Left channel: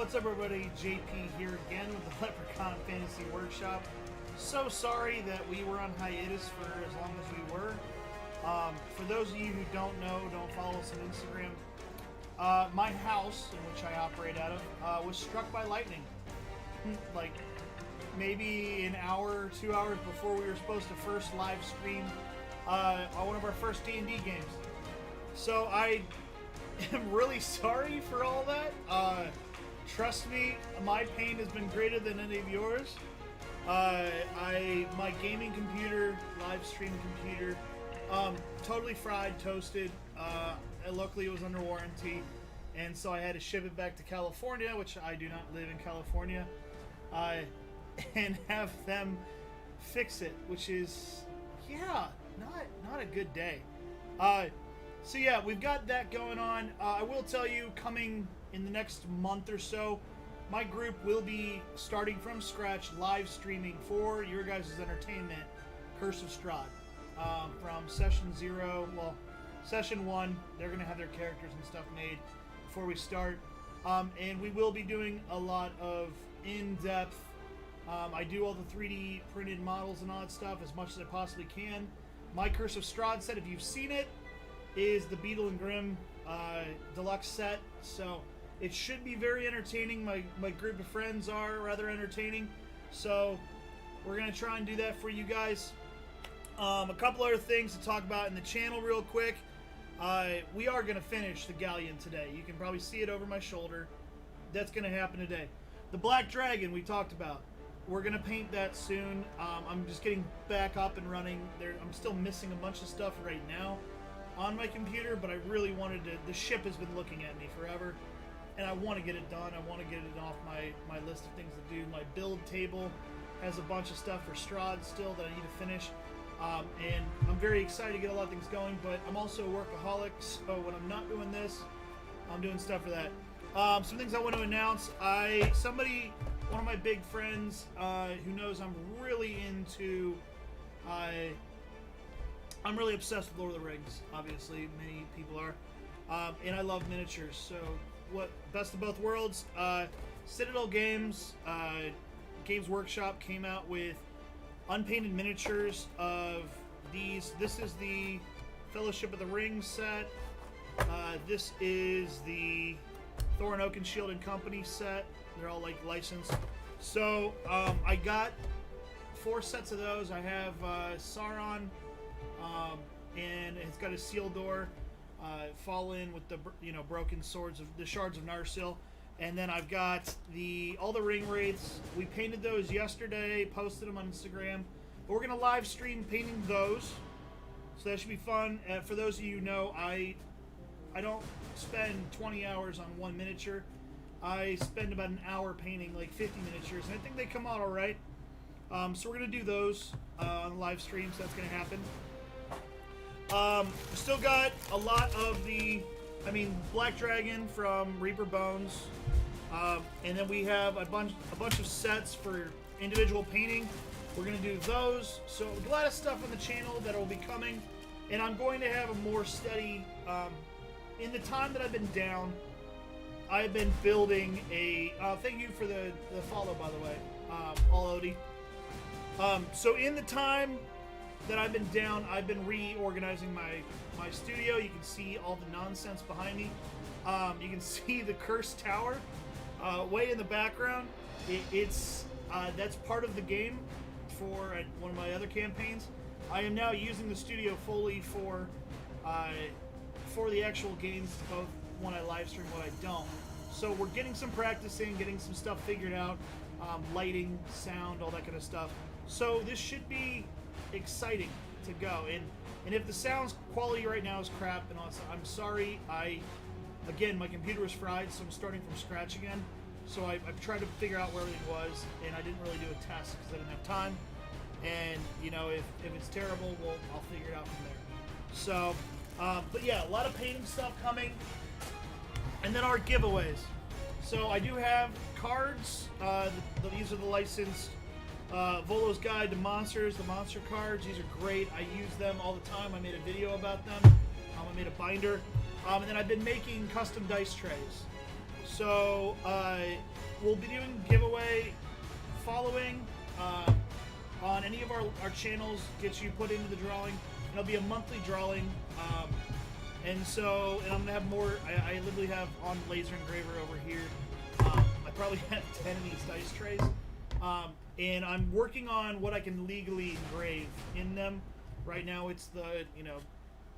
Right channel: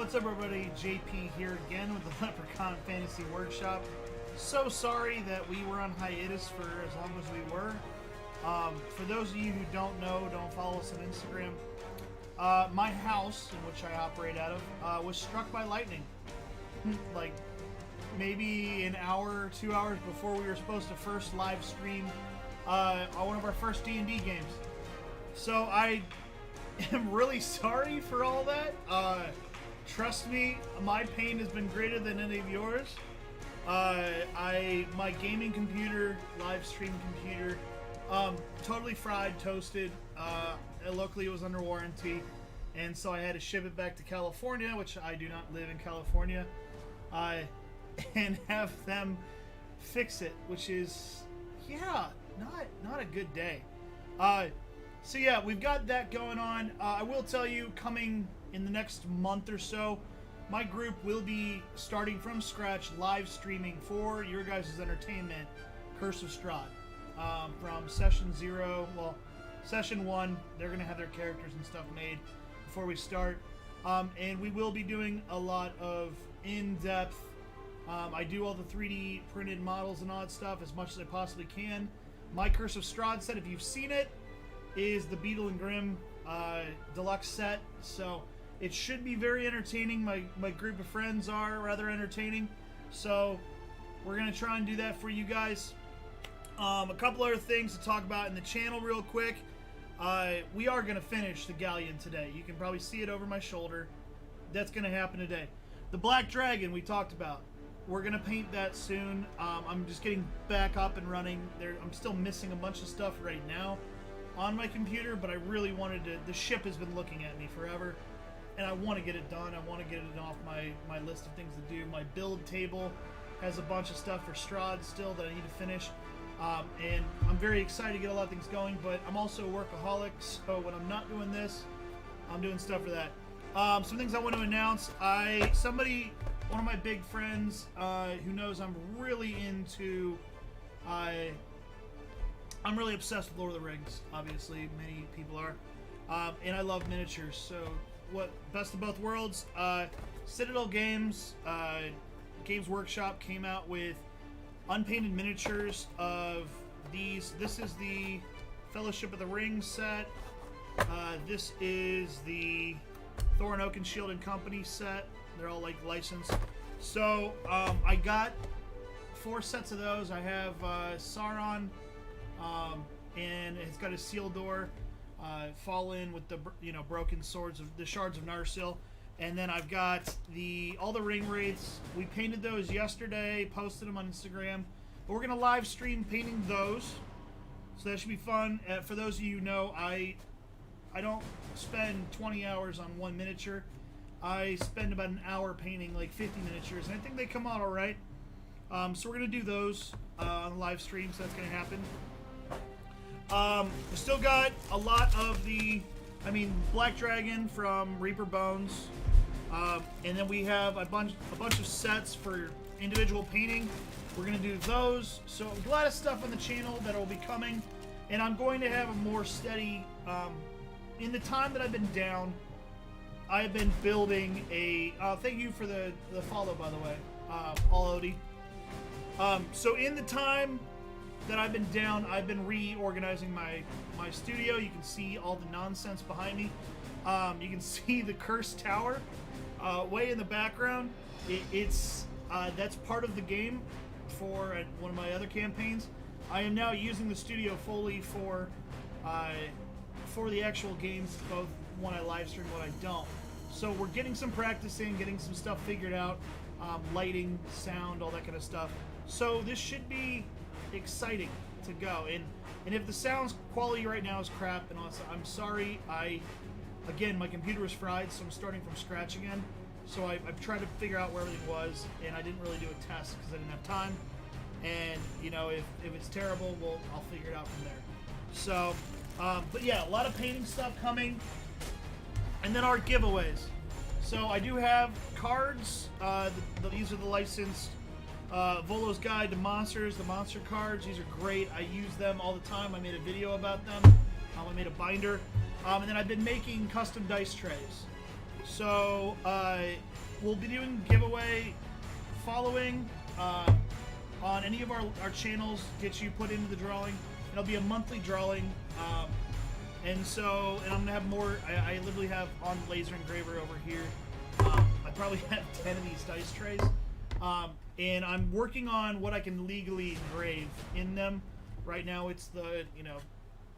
What's up, everybody? JP here again with the Leprechaun Fantasy Workshop. So sorry that we were on hiatus for as long as we were. For those of you who don't know, don't follow us on Instagram, my house, in which I operate out of, was struck by lightning. Like, maybe an hour or 2 hours before we were supposed to first live stream one of our first D&D games. So I am really sorry for all that. Trust me, my pain has been greater than any of yours. My gaming computer, live stream computer, totally fried, toasted. Luckily it was under warranty, and so I had to ship it back to California, which I do not live in California, and have them fix it, which is, yeah, not a good day. So yeah, we've got that going on. I will tell you, coming in the next month or so, my group will be starting from scratch, live streaming for your guys' entertainment, Curse of Strahd. From session 0, well, session 1, they're going to have their characters and stuff made before we start. And we will be doing a lot of in-depth, I do all the 3D printed models and all that stuff as much as I possibly can. My Curse of Strahd set, if you've seen it, is the Beetle and Grimm deluxe set, so it should be very entertaining. My group of friends are rather entertaining, so we're going to try and do that for you guys. A couple other things to talk about in the channel real quick. We are going to finish the Galleon today. You can probably see it over my shoulder. That's going to happen today. The Black Dragon we talked about. We're going to paint that soon. I'm just getting back up and running. I'm still missing a bunch of stuff right now on my computer, but I really wanted to. The ship has been looking at me forever, and I want to get it done. I want to get it off my list of things to do. My build table has a bunch of stuff for Strahd still that I need to finish, and I'm very excited to get a lot of things going, but I'm also a workaholic, so when I'm not doing this, I'm doing stuff for that. Some things I want to announce. One of my big friends who knows I'm really into, I'm really obsessed with Lord of the Rings, obviously, many people are, and I love miniatures, so best of both worlds, Citadel Games, Games Workshop came out with unpainted miniatures of these. This is the Fellowship of the Ring set, this is the Thor and Oakenshield and Company set, they're all like licensed, so I got 4 sets of those. I have Sauron, and it's got a seal door, fall in with the broken swords of the shards of Narsil, and then I've got all the ring wraiths. We painted those yesterday, posted them on Instagram, but we're gonna live stream painting those, so that should be fun. For those of you who know, I don't spend 20 hours on one miniature. I spend about an hour painting like 50 miniatures, and I think they come out all right. So we're gonna do those on the live stream, so that's gonna happen. We still got a lot of Black Dragon from Reaper Bones, and then we have a bunch of sets for individual painting. We're gonna do those. So a lot of stuff on the channel that will be coming, and I'm going to have a more steady. In the time that I've been down, I've been building a. Thank you for the follow, by the way, All Odie. So in the time that I've been down, I've been reorganizing my studio. You can see all the nonsense behind me. You can see the Cursed Tower way in the background. That's part of the game for one of my other campaigns. I am now using the studio fully for the actual games, both when I live stream and when I don't. So we're getting some practice in, getting some stuff figured out, lighting, sound, all that kind of stuff. So this should be exciting to go. And if the sound quality right now is crap, and also, I'm sorry. Again, my computer was fried, so I'm starting from scratch again. So I've tried to figure out where everything was, and I didn't really do a test because I didn't have time. And if it's terrible, I'll figure it out from there. So, but yeah, a lot of painting stuff coming, and then our giveaways. So I do have cards. These are the licensed Volo's Guide to Monsters, the monster cards. These are great. I use them all the time. I made a video about them. I made a binder. And then I've been making custom dice trays. So we'll be doing giveaway following on any of our channels. Get you put into the drawing. It'll be a monthly drawing. And I'm gonna have more. I literally have on laser engraver over here. I probably have 10 of these dice trays. And I'm working on what I can legally engrave in them. Right now it's the,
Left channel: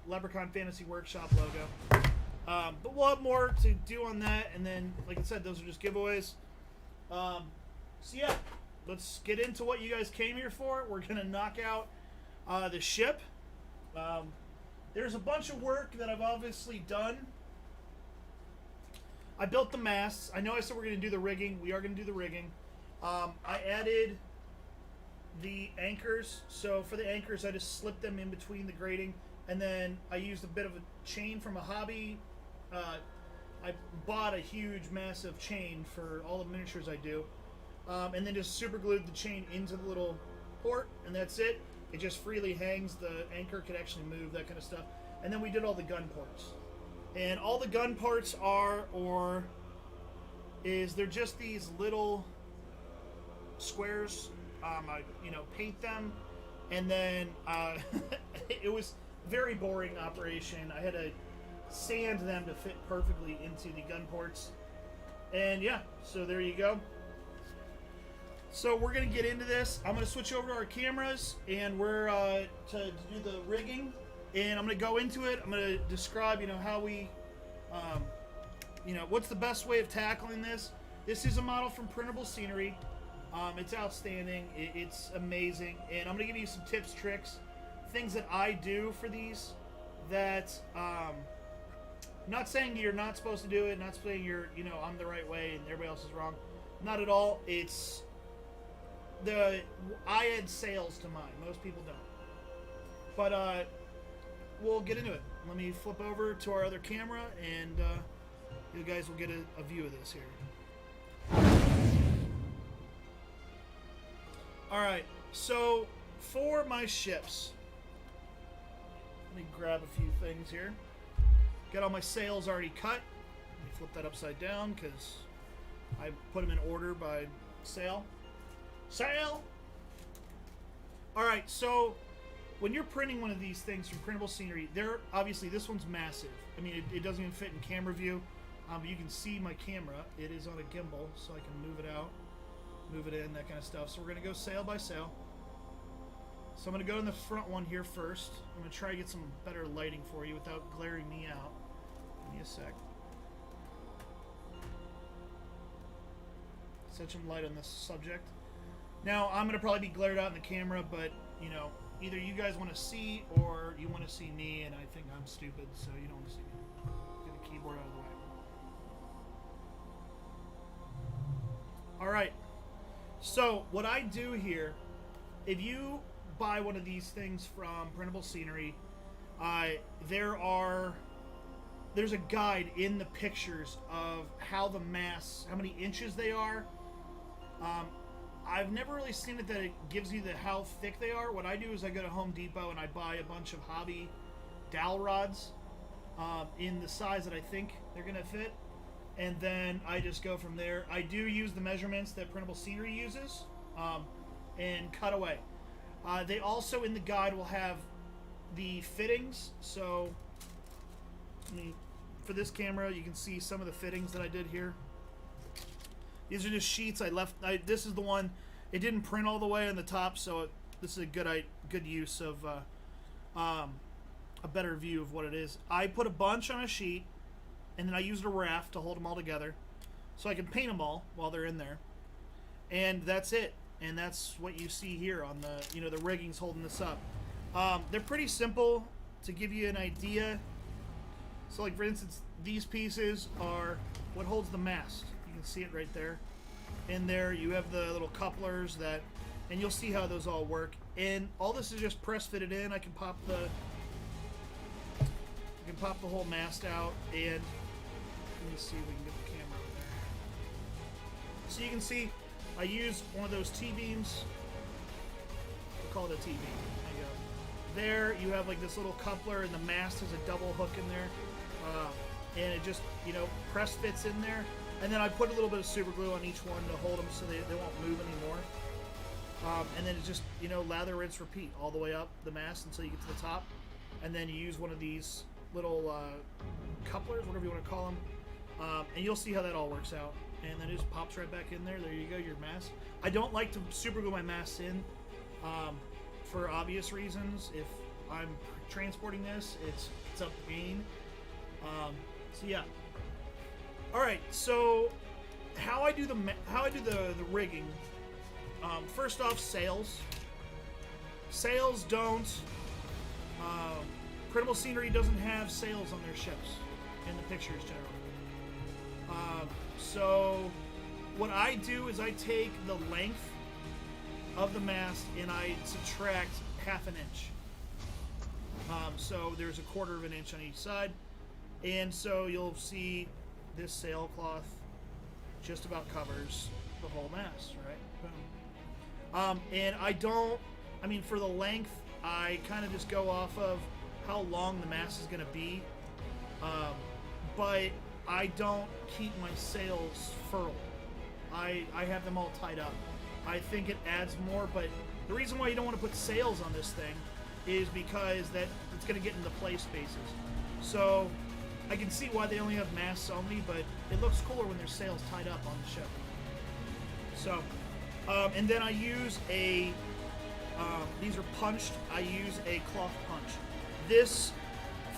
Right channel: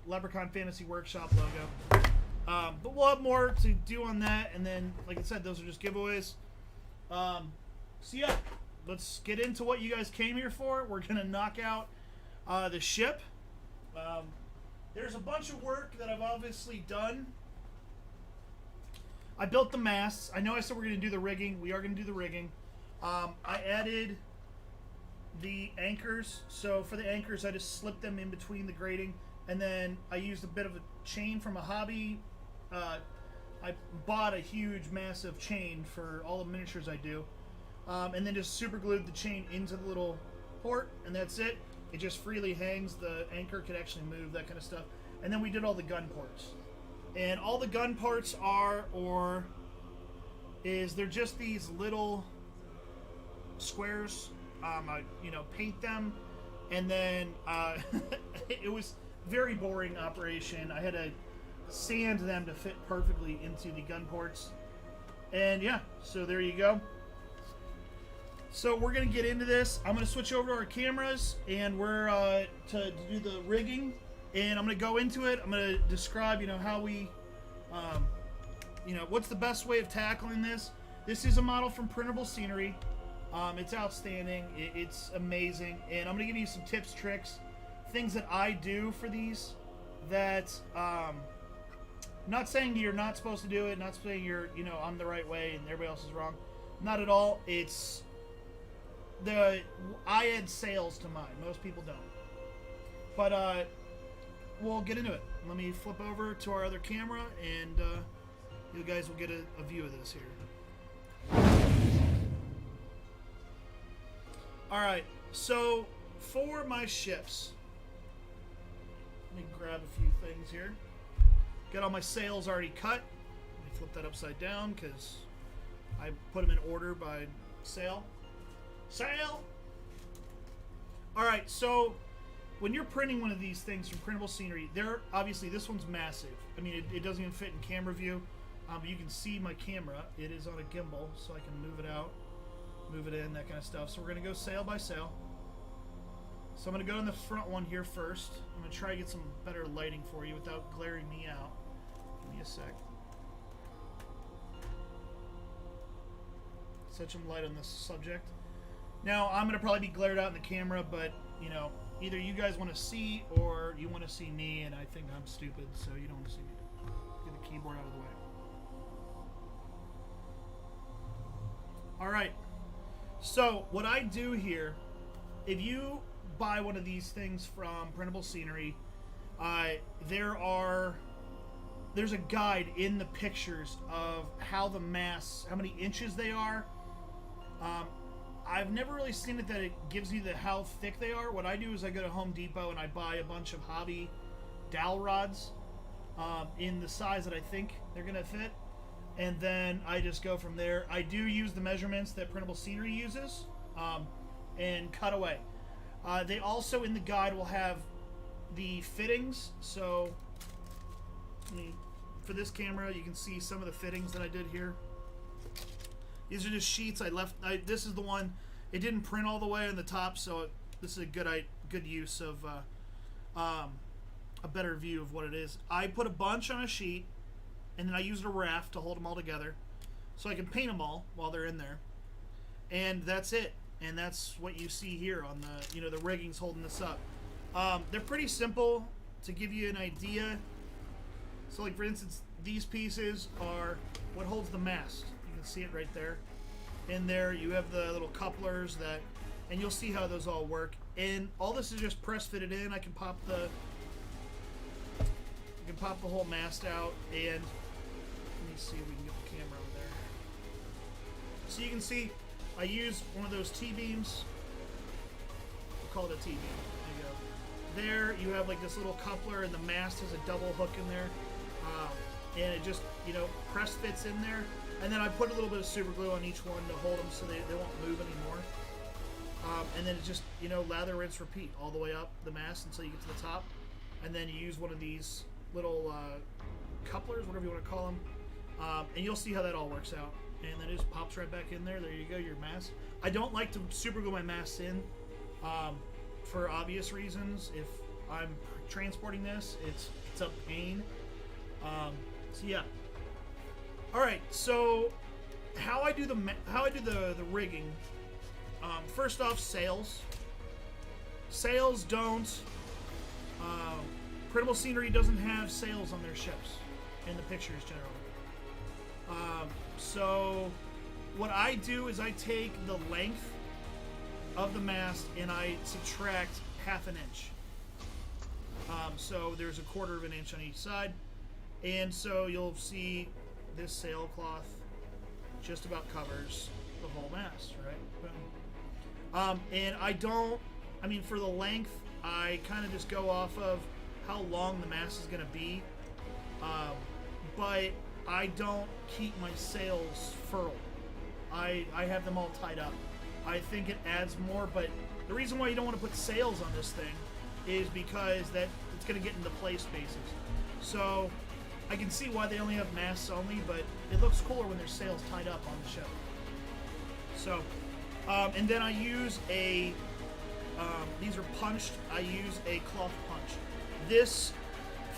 Leprechaun Fantasy Workshop logo. But we'll have more to do on that. And then, like I said, those are just giveaways. So yeah, let's get into what you guys came here for. We're going to knock out the ship. There's a bunch of work that I've obviously done. I built the masts. I know I said we're going to do the rigging. We are going to do the rigging. I added the anchors. So for the anchors, I just slipped them in between the grating. And then I used a bit of a chain from a hobby. I bought a huge, massive chain for all the miniatures I do. And then just super glued the chain into the little port. And that's it. It just freely hangs. The anchor could actually move, that kind of stuff. And then we did all the gun ports. And all the gun parts they're just these little squares. I paint them, and then it was very boring operation. I had to sand them to fit perfectly into the gun ports. And yeah, so there you go. So we're gonna get into this. I'm gonna switch over to our cameras, and we're to do the rigging. And I'm going to go into it. I'm going to describe, how we, what's the best way of tackling this. This is a model from Printable Scenery. It's outstanding. It's amazing. And I'm going to give you some tips, tricks, things that I do for these that, not saying you're not supposed to do it, not saying you're, I'm the right way and everybody else is wrong. Not at all. I add sales to mine. Most people don't. But, we'll get into it. Let me flip over to our other camera, and you guys will get a view of this here. Alright, so for my ships, let me grab a few things here. Got all my sails already cut. Let me flip that upside down because I put them in order by sail. Sail! Alright, so when you're printing one of these things from Printable Scenery, obviously this one's massive. I mean, it doesn't even fit in camera view. But you can see my camera. It is on a gimbal, so I can move it out, move it in, that kind of stuff. So we're going to go sail by sail. So I'm going to go in the front one here first. I'm going to try to get some better lighting for you without glaring me out. Give me a sec. Set some light on this subject. Now, I'm going to probably be glared out in the camera, but, either you guys want to see or you want to see me, and I think I'm stupid, so you don't want to see me. Get the keyboard out of the way. Alright, so what I do here, if you buy one of these things from Printable Scenery, there's a guide in the pictures of how the masts, how many inches they are. I've never really seen it that it gives you how thick they are. What I do is I go to Home Depot and I buy a bunch of hobby dowel rods in the size that I think they're going to fit. And then I just go from there. I do use the measurements that Printable Scenery uses and cut away. They also, in the guide, will have the fittings. So for this camera, you can see some of the fittings that I did here. These are just sheets I left. This is the one. It didn't print all the way on the top, so this is a good use of a better view of what it is. I put a bunch on a sheet, and then I used a raft to hold them all together, so I can paint them all while they're in there. And that's it. And that's what you see here on the the rigging's holding this up. They're pretty simple to give you an idea. So, like for instance, these pieces are what holds the mast. You can see it right there. In there, you have the little couplers and you'll see how those all work. And all this is just press fitted in. I can pop the whole mast out, and let me see if we can get the camera over there. So you can see, I use one of those T-beams. We'll call it a T-beam. There you go. There, you have like this little coupler, and the mast has a double hook in there. And it just, press fits in there. And then I put a little bit of super glue on each one to hold them so they won't move anymore. And then it's just, you know, lather, rinse, repeat all the way up the mast until you get to the top. And then you use one of these little couplers, whatever you want to call them. And you'll see how that all works out. And then it just pops right back in there. There you go, your mast. I don't like to super glue my masts in for obvious reasons. If I'm transporting this, it's a pain. So yeah. All right. So how I do the rigging. First off, sails. Sails don't. Printable Scenery doesn't have sails on their ships in the pictures generally. So what I do is I take the length of the mast and I subtract half an inch. So there's a quarter of an inch on each side. And so you'll see this sailcloth just about covers the whole mast, right? Boom. And for the length, I kind of just go off of how long the mast is going to be. But I don't keep my sails furled. I have them all tied up. I think it adds more, but the reason why you don't want to put sails on this thing is because that it's going to get into play spaces. So I can see why they only have masts only, but it looks cooler when there's sails tied up on the ship. So, and then I use these are punched. I use a cloth punch. This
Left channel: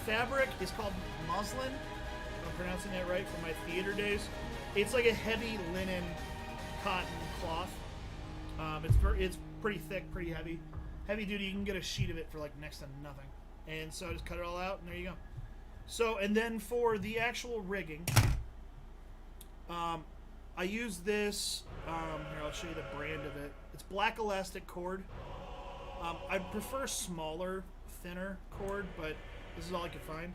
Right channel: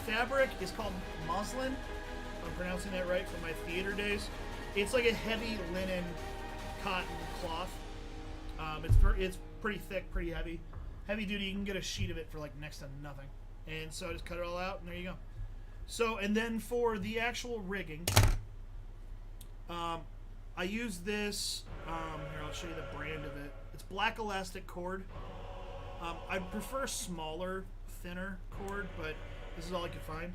fabric is called muslin. If I'm pronouncing that right from my theater days. It's like a heavy linen cotton cloth. It's pretty thick, pretty heavy. Heavy duty, you can get a sheet of it for like next to nothing. And so I just cut it all out, and there you go. So, and then for the actual rigging, I use this, here I'll show you the brand of it. It's black elastic cord. I'd prefer smaller, thinner cord, but this is all I could find.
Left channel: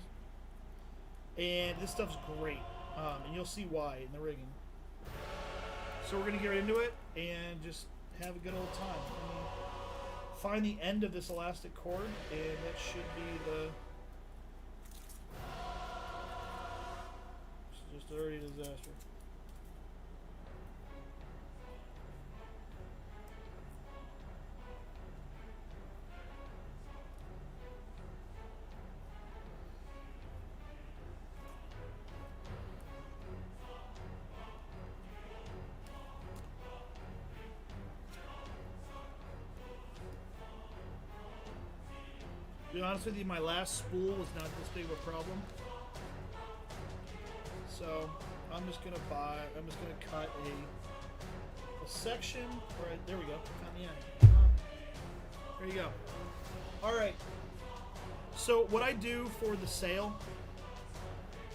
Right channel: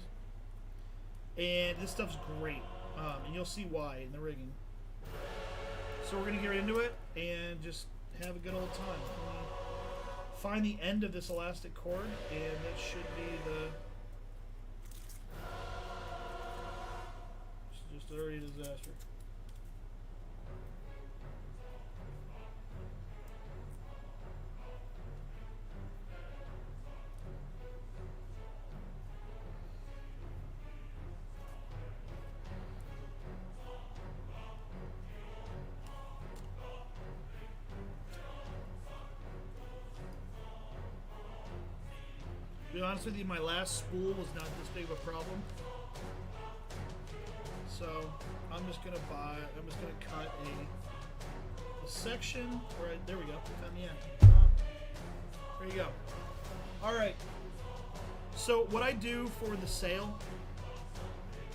And this stuff's great, and you'll see why in the rigging. So we're going to get right into it and just have a good old time. Let me find the end of this elastic cord, and that should be the... It's just already a disaster. To be honest with you, my last spool was not this big of a problem. So I'm just gonna cut a section. Right, there we go. Found the end. There you go. All right. So what I do for the sail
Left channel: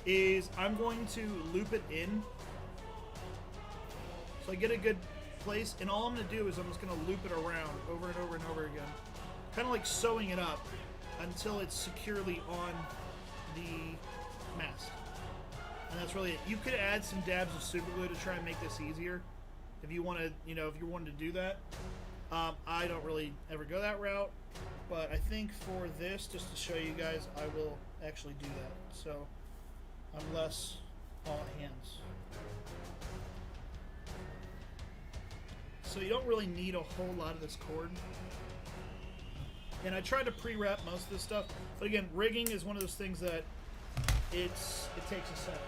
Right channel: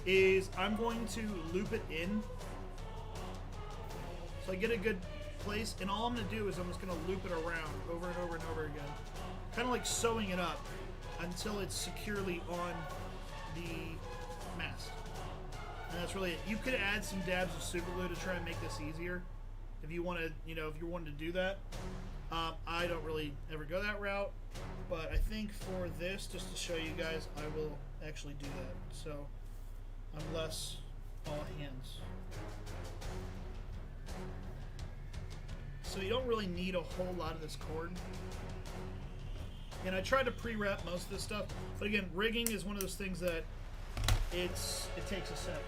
is I'm going to loop it in. So I get a good place, and all I'm gonna do is I'm just gonna loop it around over and over and over again, kind of like sewing it up until it's securely on the mast. And that's really it. You could add some dabs of super glue to try and make this easier if you want to, if you wanted to do that. I don't really ever go that route, but I think for this, just to show you guys, I will actually do that. So I'm less all hands. So you don't really need a whole lot of this cord. And I tried to pre-wrap most of this stuff, but again, rigging is one of those things that it takes a sec.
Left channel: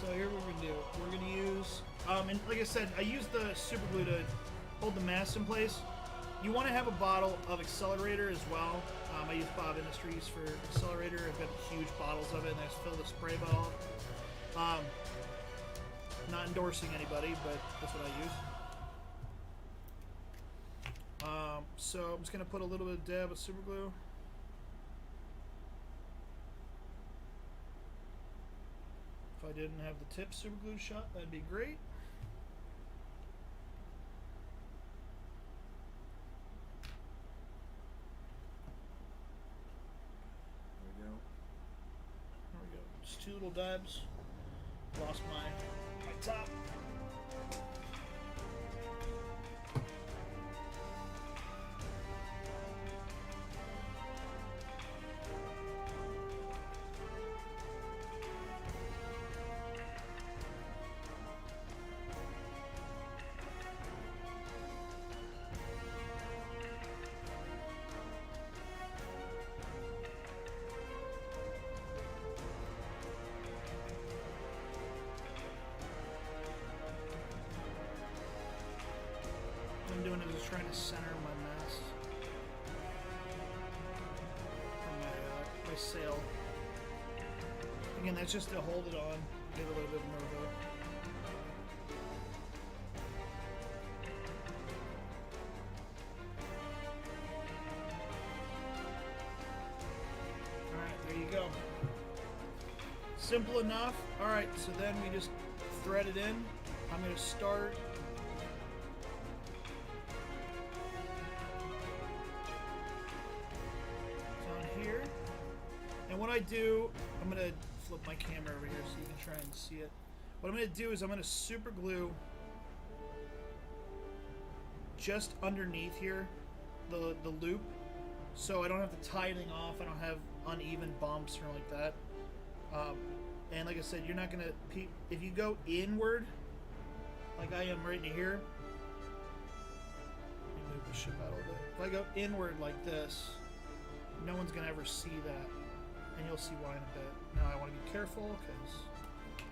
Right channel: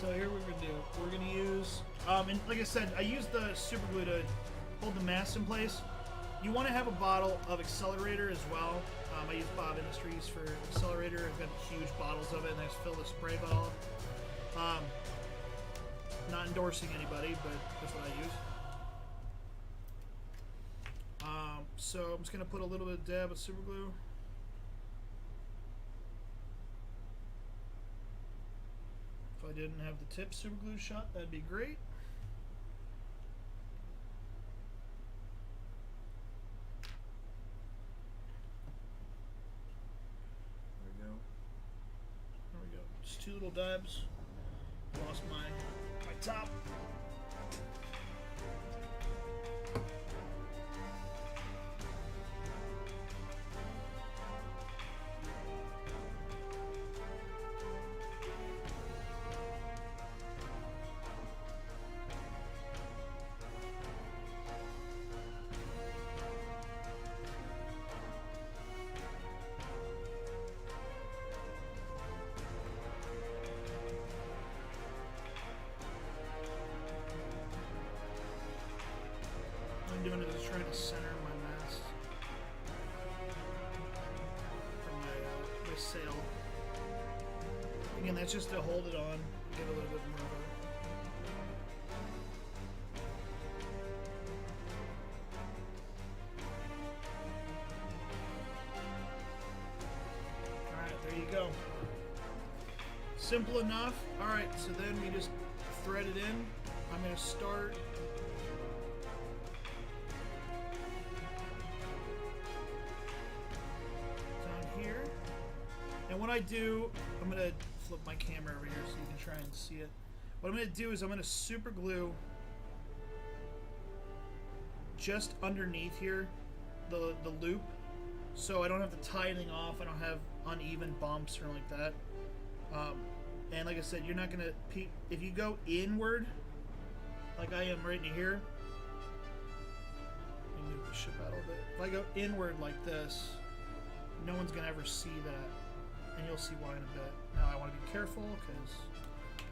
So here we're gonna do. We're gonna use, and like I said, I use the super glue to hold the mast in place. You want to have a bottle of accelerator as well. I use Bob Industries for accelerator. I've got huge bottles of it, and I just fill the spray bottle up. Not endorsing anybody, but that's what I use. So I'm just going to put a little bit of dab of super glue. If I didn't have the tip super glue shot, that'd be great. There we go. There we go. Just 2 little dabs. Lost my top. trying to center my mast from my sail. Again, that's just to hold it on, give it a little bit more of a... Alright, there you go. Simple enough. Alright, so then we just thread it in. I'm going to start... down here. And what I do, I'm going to flip my camera over here so you can try and see it. What I'm going to do is I'm going to super glue just underneath here the loop, so I don't have to tie anything off. I don't have uneven bumps or like that. And like I said, you're not going to... If you go inward, like I am right in here... Let me move the ship out a little bit. If I go inward like this, no one's going to ever see that. And you'll see why in a bit. Now I want to be careful because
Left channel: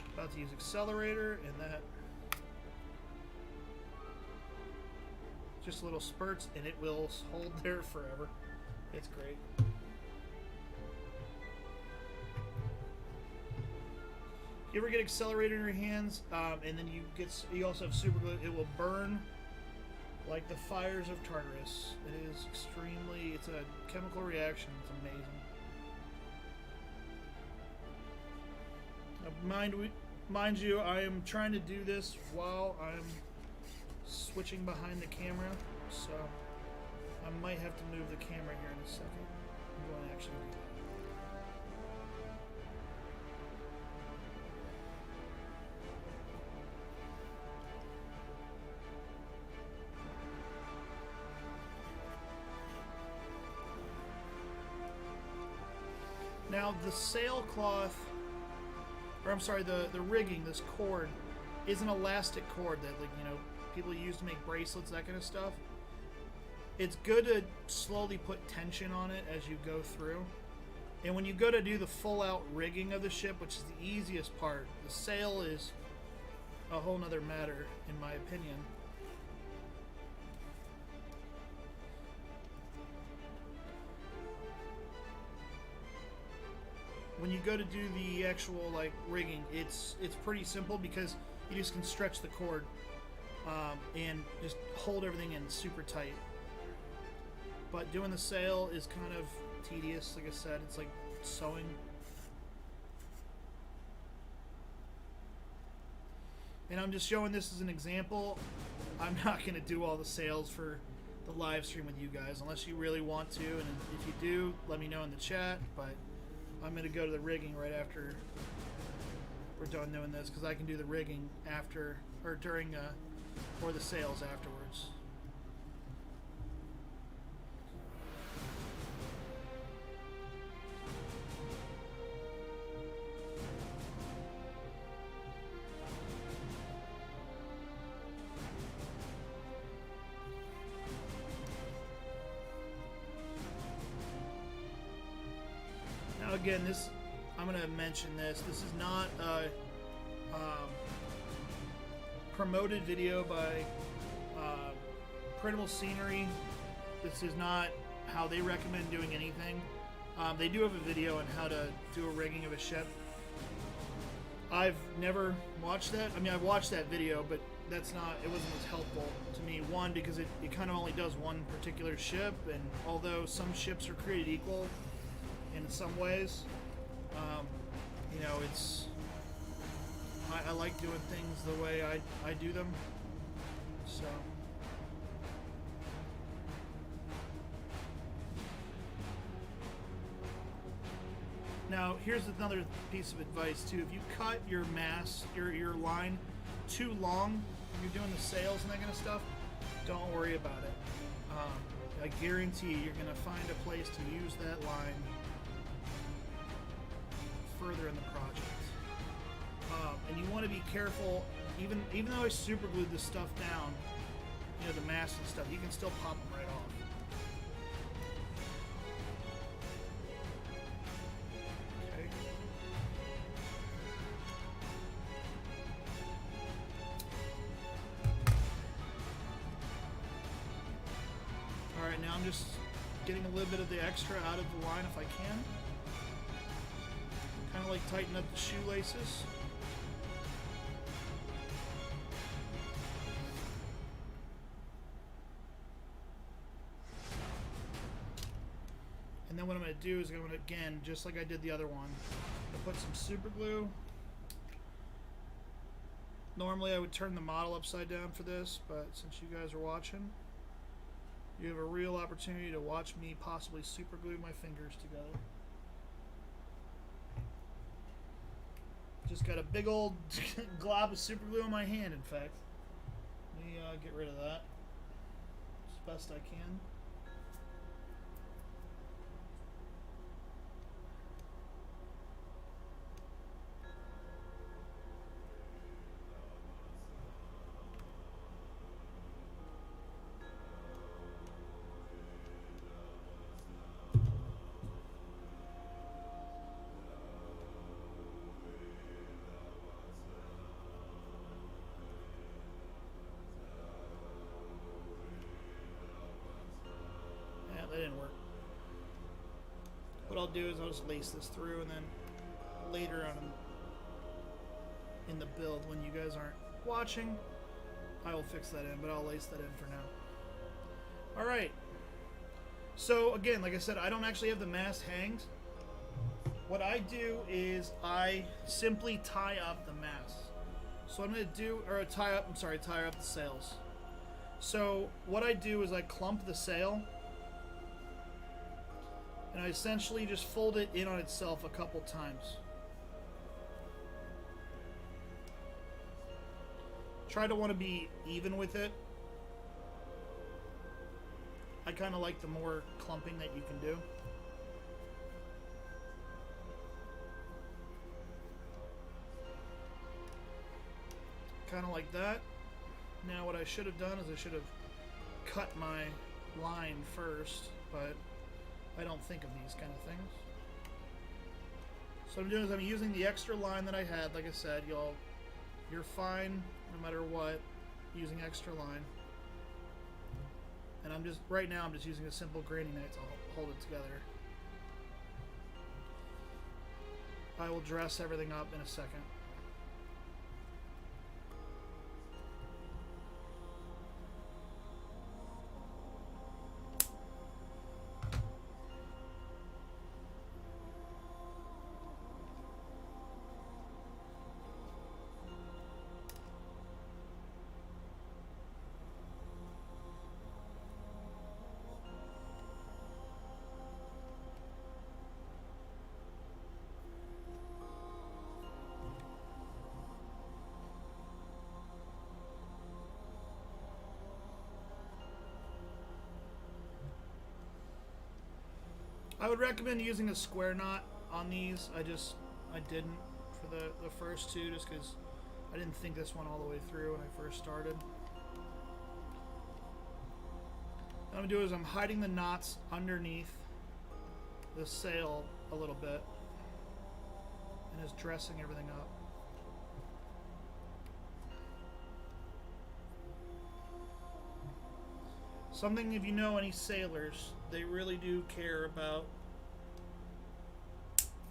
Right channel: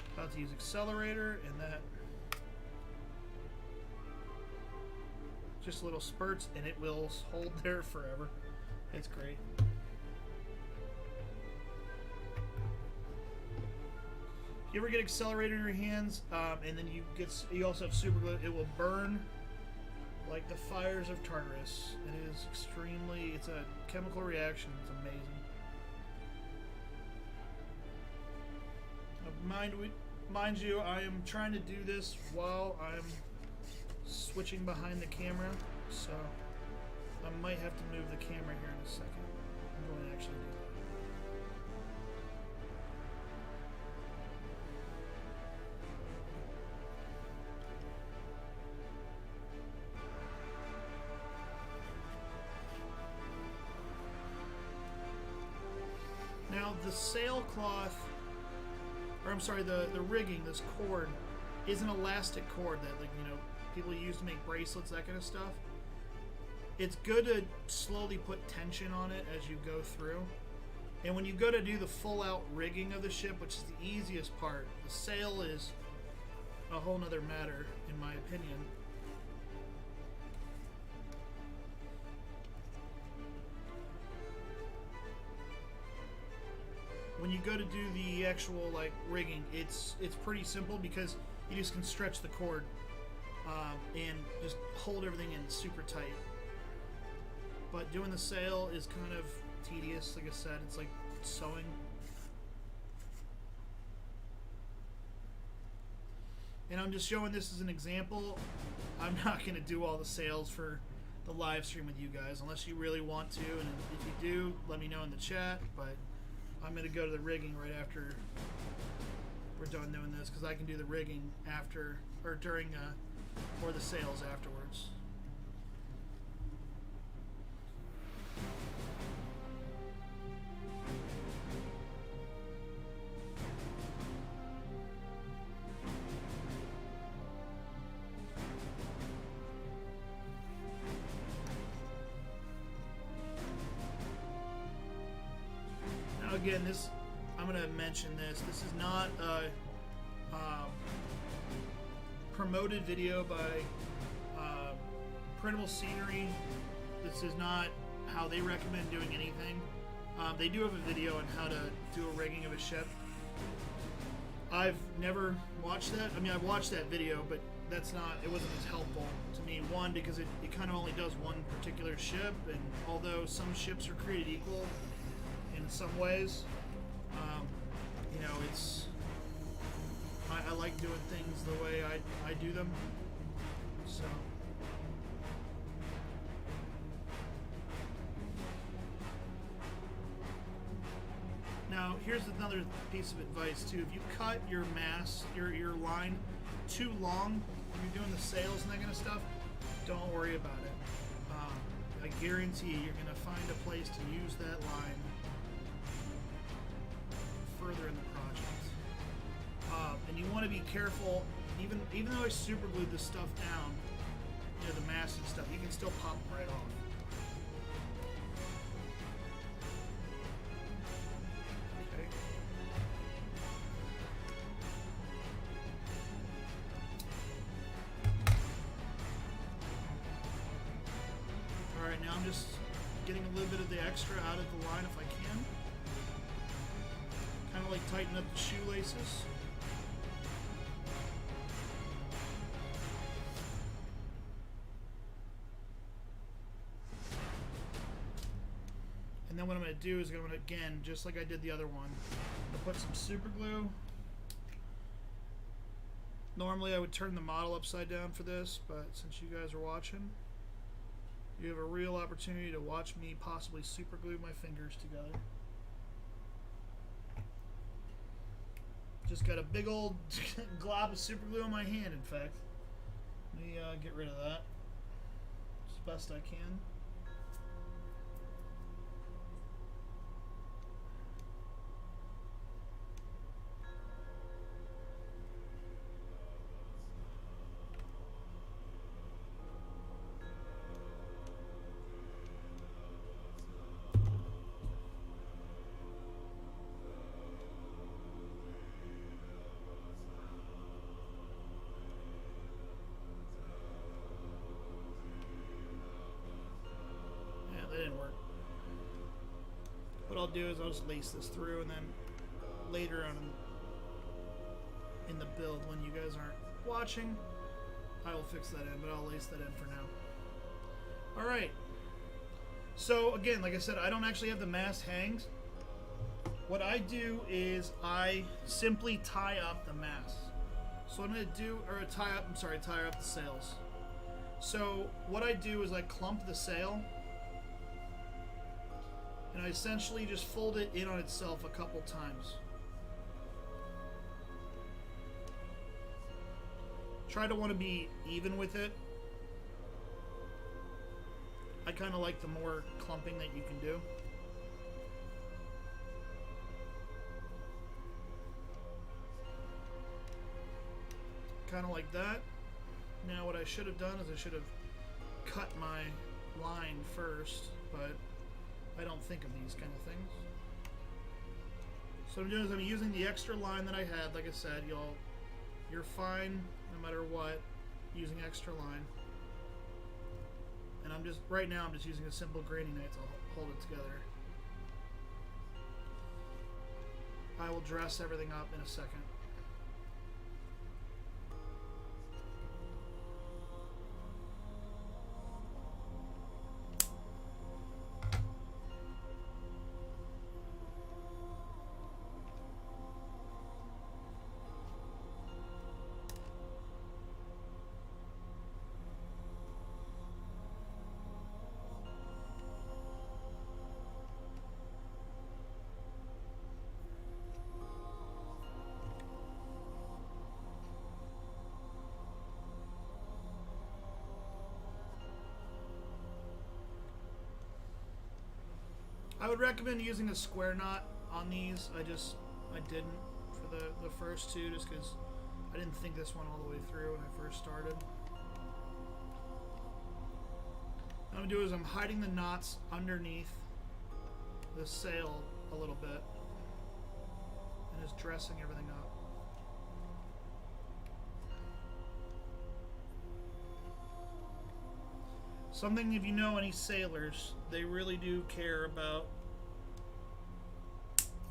I'm about to use accelerator and that... Just little spurts and it will hold there forever. It's great. You ever get accelerator in your hands, and then you also have super glue, it will burn like the fires of Tartarus. It is extremely, it's a chemical reaction. It's amazing. Mind you, I am trying to do this while I'm switching behind the camera, so I might have to move the camera here in a second. I'm going to actually do that. Now the sailcloth, or I'm sorry, the rigging, this cord, is an elastic cord that, like, you know, people use to make bracelets, that kind of stuff. It's good to slowly put tension on it as you go through. And when you go to do the full out rigging of the ship, which is the easiest part, the sail is a whole nother matter, in my opinion. When you go to do the actual like rigging, it's pretty simple because you just can stretch the cord and just hold everything in super tight. But doing the sail is kind of tedious. Like I said, it's like sewing. And I'm just showing this as an example. I'm not going to do all the sails for the live stream with you guys unless you really want to, and if you do, let me know in the chat. But I'm going to go to the rigging right after we're done doing this, because I can do the rigging after, or during, or the sails afterwards. Now again, this, I'm going to mention this. This is not a promoted video by Printable Scenery. This is not how they recommend doing anything. They do have a video on how to do a rigging of a ship. I've never watched that. I mean, I've watched that video, but that's not, it wasn't as helpful to me. One, because it kind of only does one particular ship, and although some ships are created equal in some ways, you know, it's, I like doing things the way I do them, so. Now, here's another piece of advice too. If you cut your mast, your line too long when you're doing the sails and that kind of stuff, don't worry about it. I guarantee you're going to find a place to use that line further in the project. And you want to be careful, even though I super glued this stuff down, you know, the mast and stuff, you can still pop them right off. Okay. Alright, now I'm just getting a little bit of the extra out of the line if I can. Kind of like tighten up the shoelaces. And then what I'm going to do is I'm going to, again, just like I did the other one, I'm going to put some super glue. Normally I would turn the model upside down for this, but since you guys are watching, you have a real opportunity to watch me possibly super glue my fingers together. Just got a big old glob of super glue on my hand, in fact. Let me get rid of that as best I can. That didn't work. What I'll do is I'll just lace this through, and then later on in the build, when you guys aren't watching, I will fix that in, but I'll lace that in for now. Alright. So again, like I said, I don't actually have the mast hangs. What I do is I simply tie up the mast. So what I'm going to do, or tie up the sails. So what I do is I clump the sail, and I essentially just fold it in on itself a couple times. Try to want to be even with it. I kind of like the more clumping that you can do. Kind of like that. Now what I should have done is I should have cut my line first, but I don't think of these kind of things. So what I'm doing is I'm using the extra line that I had. Like I said, you're fine no matter what using extra line. And right now I'm just using a simple graining knife to hold it together. I will dress everything up in a second. I would recommend using a square knot on these. I didn't for the first two, just because I didn't think this one all the way through when I first started. What I'm going to do is I'm hiding the knots underneath the sail a little bit and just dressing everything up. Something, if you know any sailors, they really do care about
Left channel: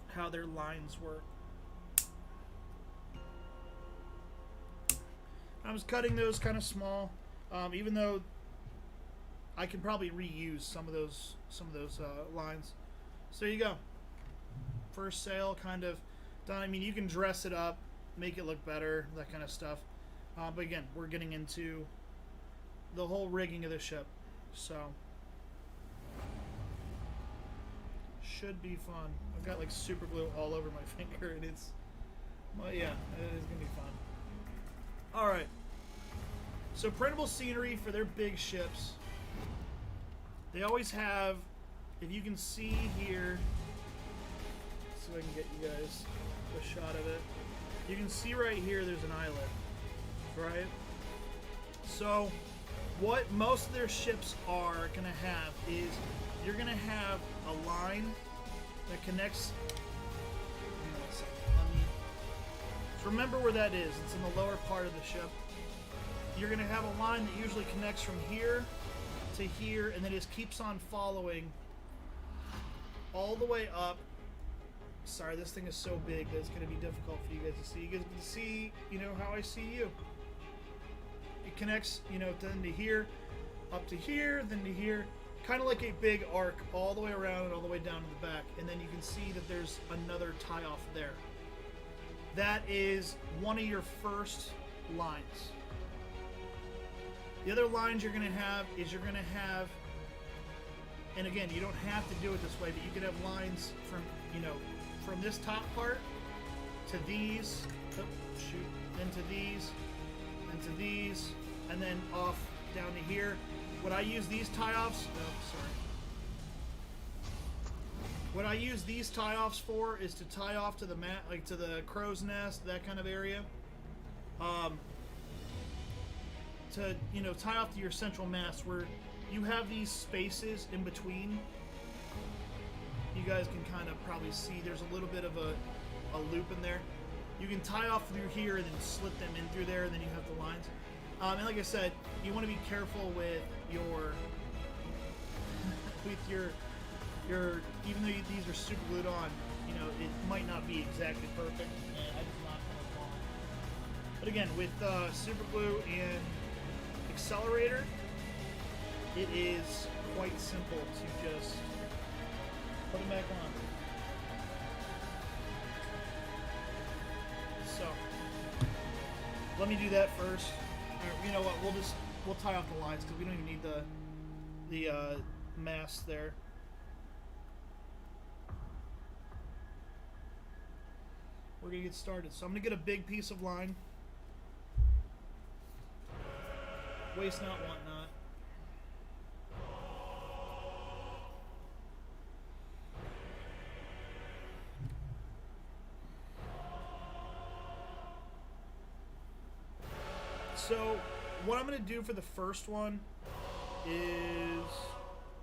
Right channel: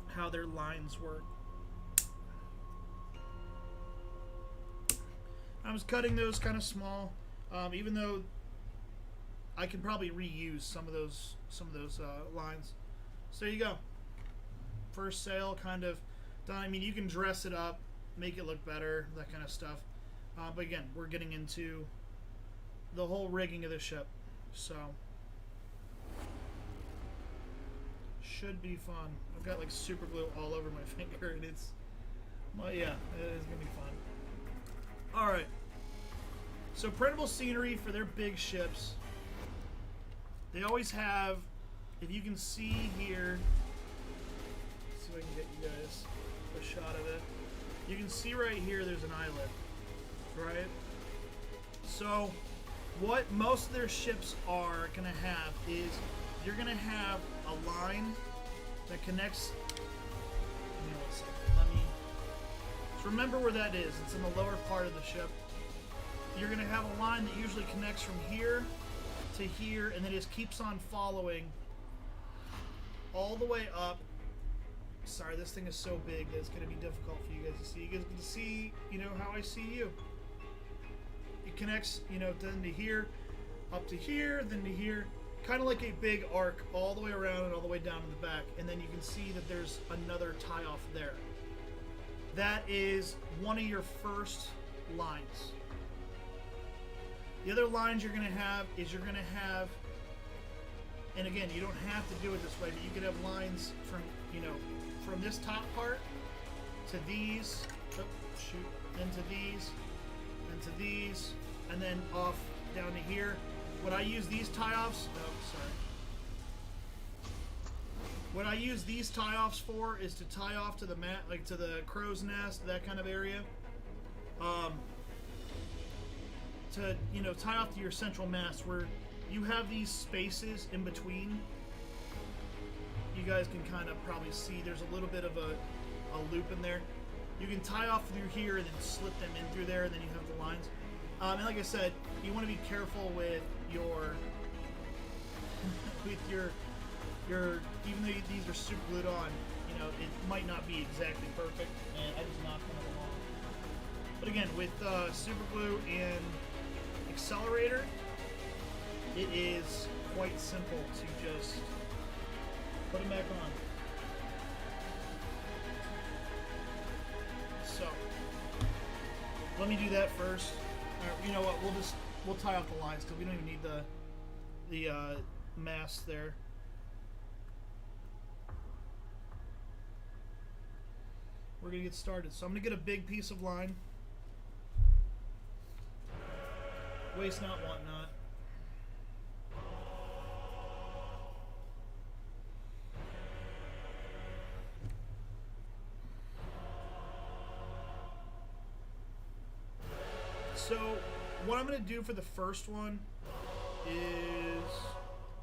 how their lines work. I was cutting those kind of small, even though I can probably reuse some of those lines. So there you go. First sail kind of done. I mean, you can dress it up, make it look better, that kind of stuff. But again, we're getting into the whole rigging of the ship, so should be fun. I've got like super glue all over my finger, and it's, well, yeah, it is gonna be fun. All right, so Printable Scenery, for their big ships, they always have, if you can see here, see if I can get you guys a shot of it. You can see right here there's an eyelet, right? So what most of their ships are going to have is you're going to have a line that connects. Give me 1 second. So remember where that is. It's in the lower part of the ship. You're going to have a line that usually connects from here to here, and then it just keeps on following all the way up. Sorry, this thing is so big that it's going to be difficult for you guys to see. You guys can see, you know, how I see you. It connects, you know, then to here, up to here, then to here. Kind of like a big arc all the way around and all the way down to the back. And then you can see that there's another tie-off there. That is one of your first lines. The other lines you're going to have is you're going to have, and again, you don't have to do it this way, but you can have lines from, you know, from this top part to these, oh, shoot, then to these, then to these, and then off down to here. What I use these tie-offs, oh, sorry. What I use these tie-offs for is to tie off to the mat, like to the crow's nest, that kind of area. To, you know, tie off to your central mast where you have these spaces in between. You guys can kind of probably see there's a little bit of a loop in there. You can tie off through here and then slit them in through there, and then you have the lines. And like I said, you want to be careful with your even though these are super glued on, you know, it might not be exactly perfect, and I just knocked one of them off. But again, with super glue and accelerator, it is quite simple to just put them back on. So let me do that first. Or, you know what? We'll tie off the lines because we don't even need the mast there. We're gonna get started. So I'm gonna get a big piece of line. Waste not, want not. So what I'm going to do for the first one is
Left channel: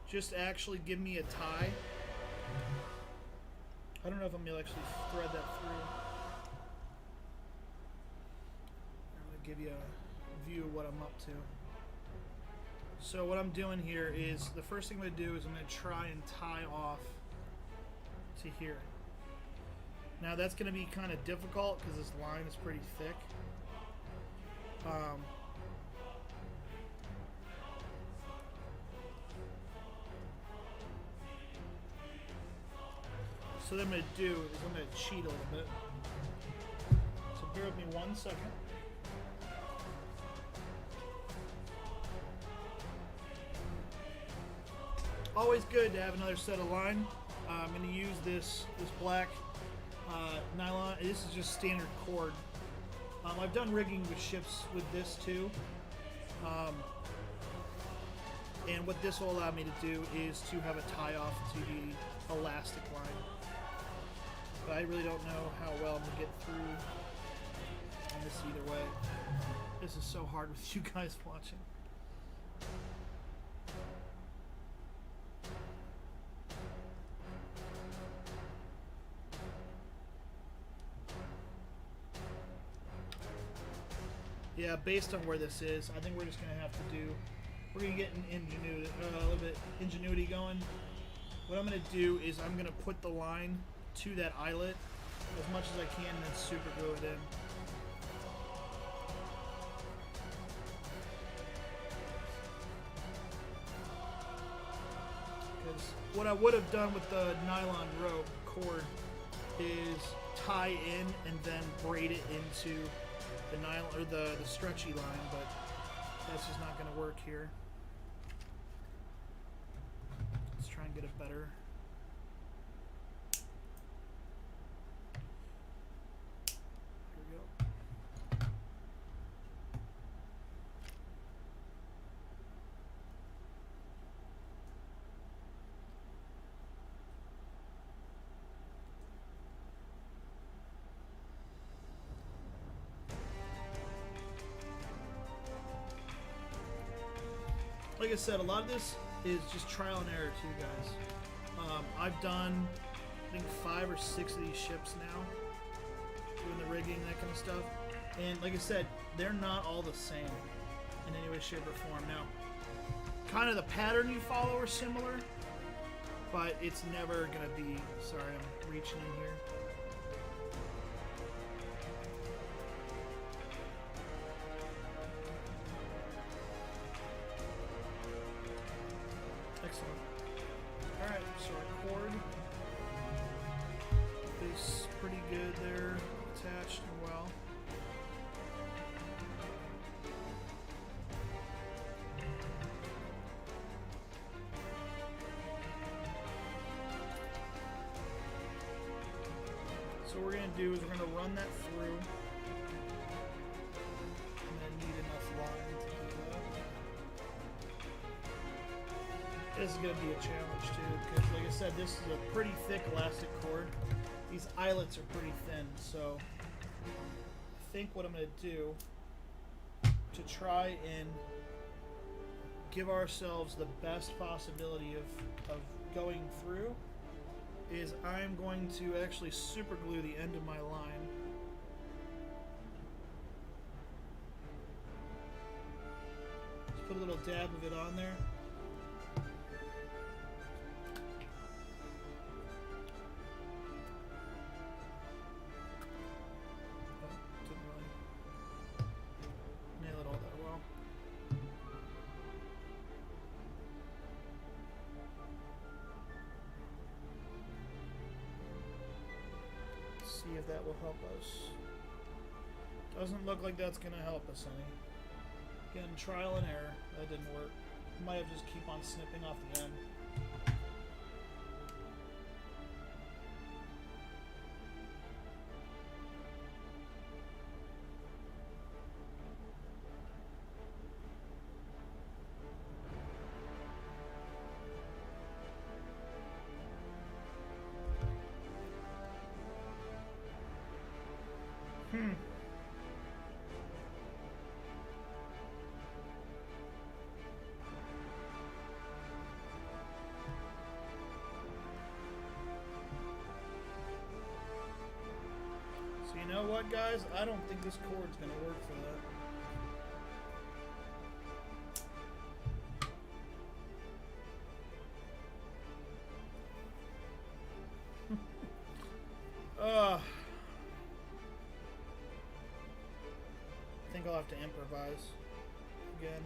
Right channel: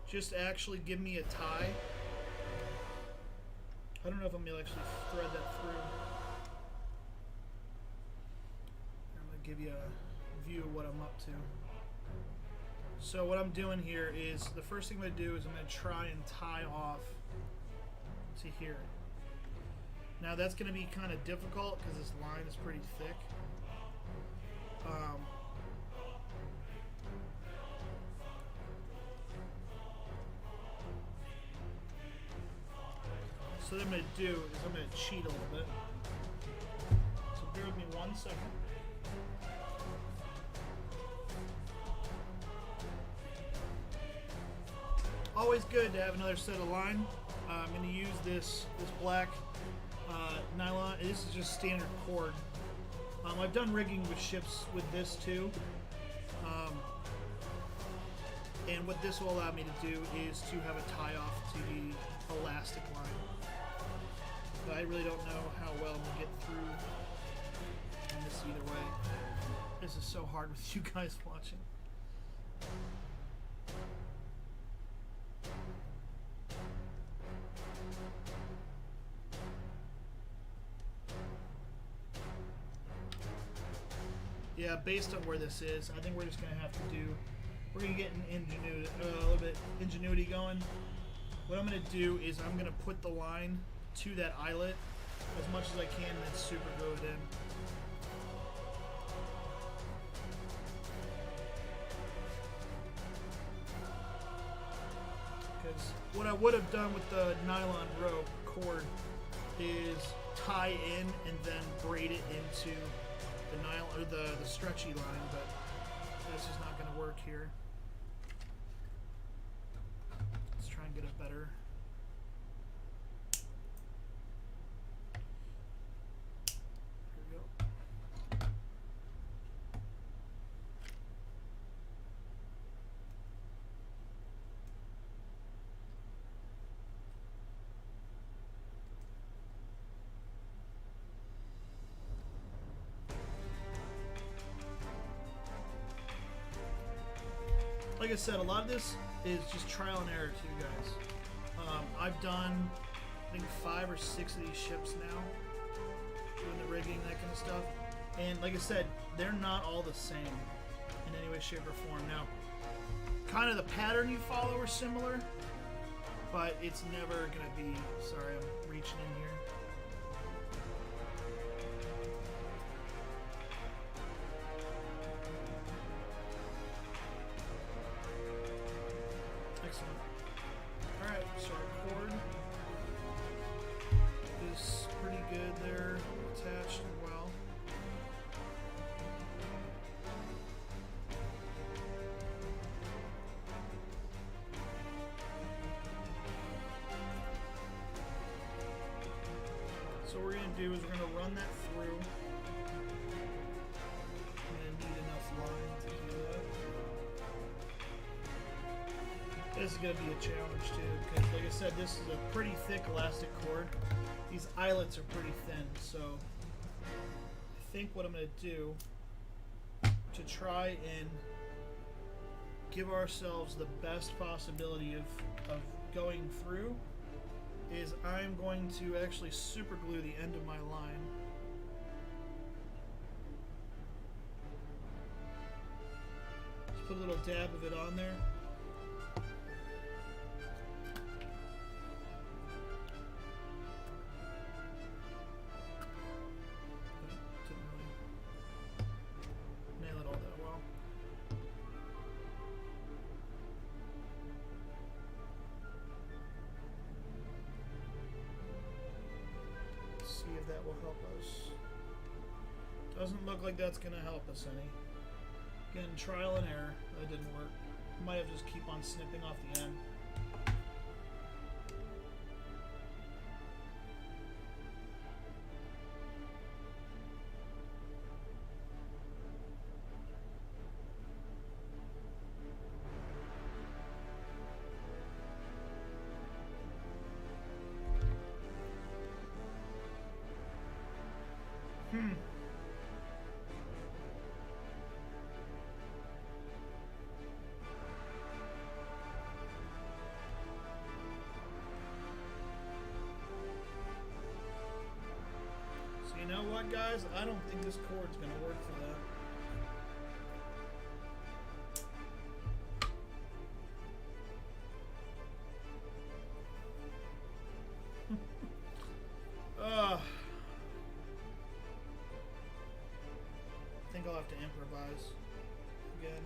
just actually give me a tie. I don't know if I'm going to actually thread that through. I'm going to give you a view of what I'm up to. So what I'm doing here is, the first thing I'm going to do is I'm going to try and tie off to here. Now that's going to be kind of difficult because this line is pretty thick. So what I'm going to do is I'm going to cheat a little bit. So bear with me 1 second. Always good to have another set of line. I'm going to use this black nylon. This is just standard cord. I've done rigging with ships with this too. And what this will allow me to do is to have a tie off to the elastic line. But I really don't know how well I'm going to get through on this either way. This is so hard with you guys watching. Yeah, based on where this is, I think we're just going to have to do, we're going to get an ingenuity, a little bit ingenuity going. What I'm going to do is I'm going to put the line to that eyelet as much as I can and then super glue it in. Because what I would have done with the nylon rope cord is tie in and then braid it into the nylon or the stretchy line, but that's just not going to work here. Let's try and get it better. Here we go. Like I said, a lot of this is just trial and error too, guys. I've done, I think, 5 or 6 of these ships now, doing the rigging, that kind of stuff. And like I said, they're not all the same in any way, shape, or form. Now, kind of the pattern you follow are similar, but it's never going to be... Sorry, I'm reaching in here. Excellent. Alright, so our cord is pretty good there, attached and well. So what we're going to do is we're going to run that through. I'm going to need enough line to do that. This is going to be a challenge too, because like I said, this is a pretty thick elastic cord. These eyelets are pretty thin, so I think what I'm going to do to try and give ourselves the best possibility of going through is I'm going to actually super glue the end of my line. Just put a little dab of it on there. Oh, didn't really nail it all that well. See if that will help us. Doesn't look like that's gonna help us any. Again, trial and error. That didn't work. Might have just keep on snipping off the end. So you know what, guys? I don't think this cord's gonna work for that. I think I'll have to improvise again.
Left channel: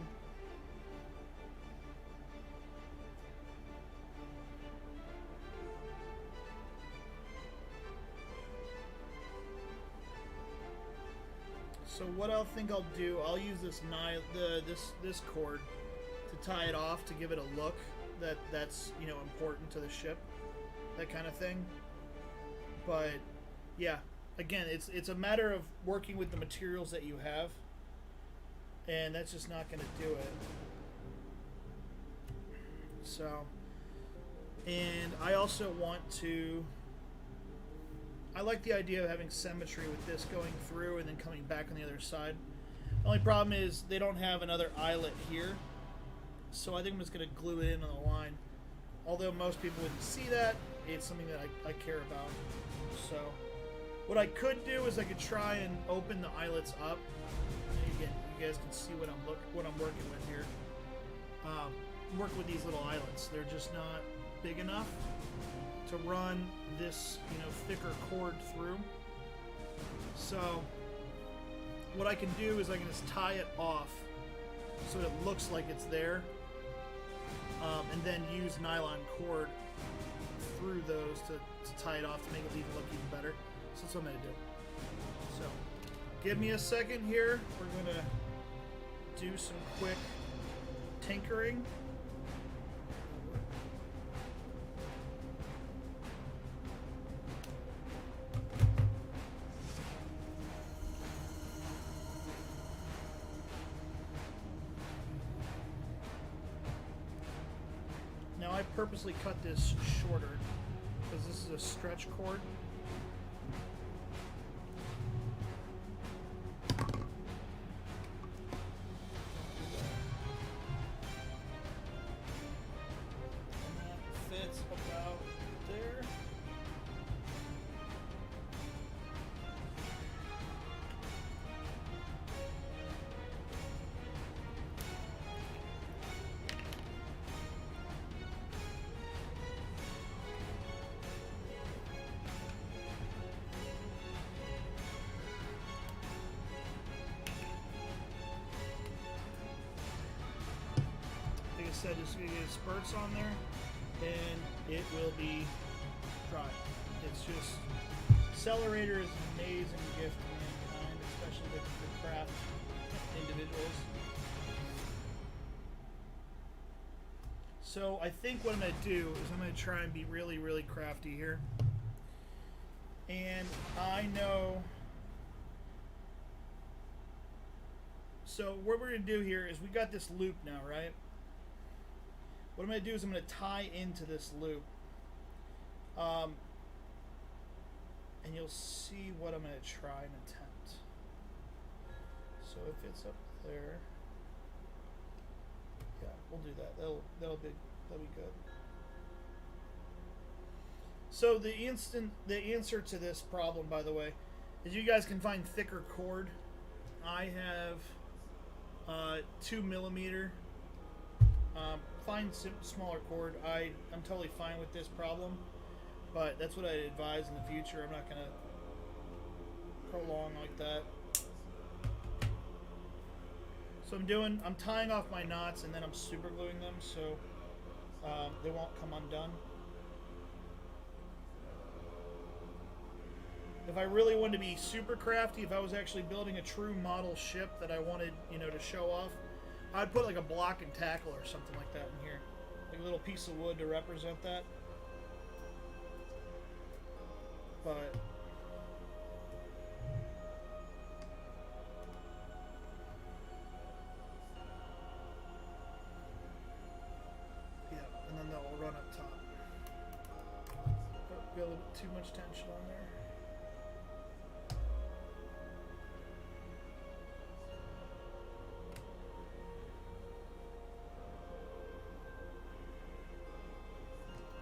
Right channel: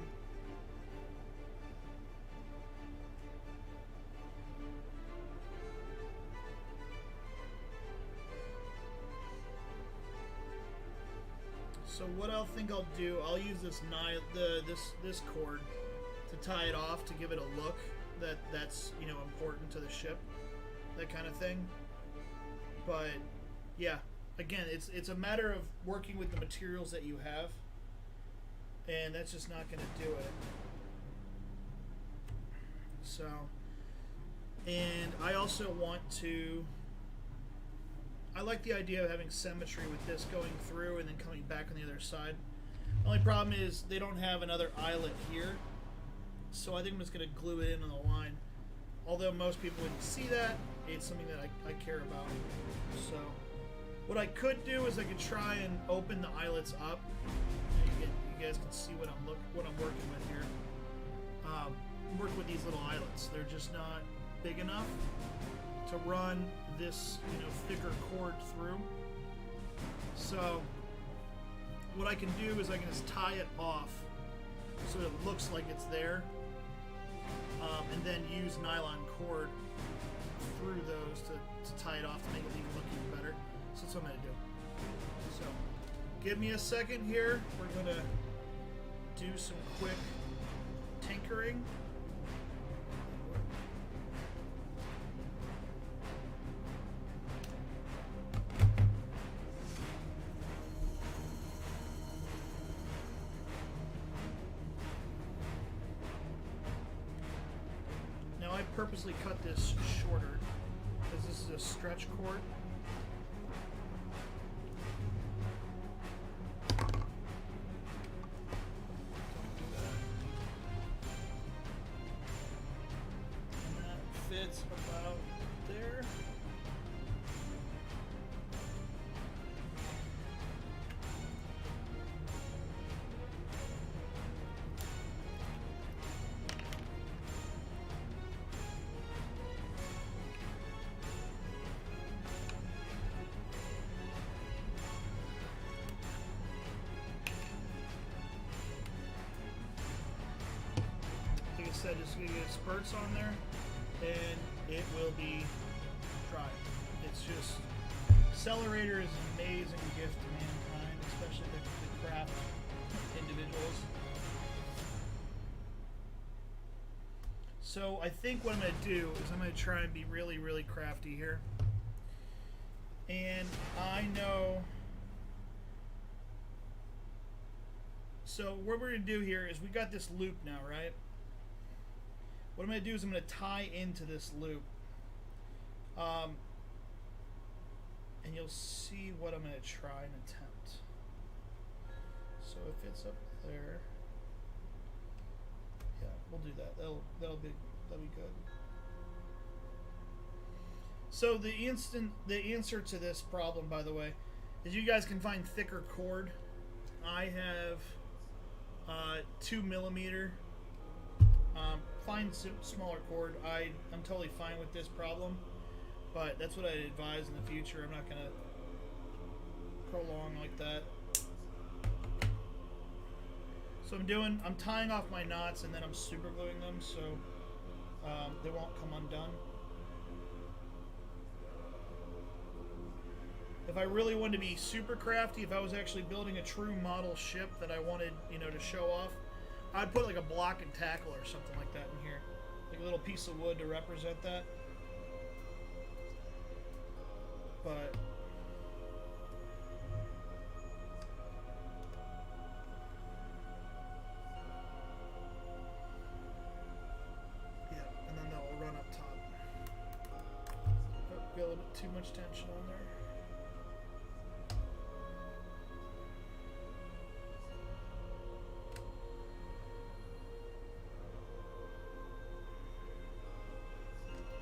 So what I think I'll do, I'll use this this cord to tie it off to give it a look that's important to the ship, that kind of thing. But yeah, again, it's a matter of working with the materials that you have, and that's just not going to do it. So, and I also want to... I like the idea of having symmetry with this going through and then coming back on the other side. The only problem is they don't have another eyelet here, so I think I'm just going to glue it in on the line. Although most people wouldn't see that, it's something that I care about. So what I could do is I could try and open the eyelets up. Again, you guys can see what I'm working with here. Work with these little eyelets. They're just not big enough to run this, thicker cord through. So what I can do is I can just tie it off so it looks like it's there, and then use nylon cord through those to tie it off to make it look even better. So that's what I'm going to do. So give me a second here. We're going to do some quick tinkering. Now I purposely cut this shorter because this is a stretch cord. Don't do that. And that fits about there. said, just gonna get spurts on there, and it will be dry. It's just, Accelerator is an amazing gift to mankind, especially the craft individuals. So I think what I'm going to do is I'm going to try and be really, really crafty here. And I know... So what we're going to do here is we got this loop now, right? What I'm going to do is I'm going to tie into this loop. And you'll see what I'm going to try and attempt. So if it's up there... Yeah, we'll do that. That'll be good. So the answer to this problem, by the way, is you guys can find thicker cord. I have 2 millimeter. Find smaller cord. I'm totally fine with this problem, but that's what I'd advise in the future. I'm not gonna prolong like that. So I'm tying off my knots and then I'm super gluing them so they won't come undone. If I really wanted to be super crafty, if I was actually building a true model ship that I wanted, to show off, I'd put like a block and tackle or something like that in here. Like a little piece of wood to represent that. But... and then they'll run up top. Be a little bit too much tension on there.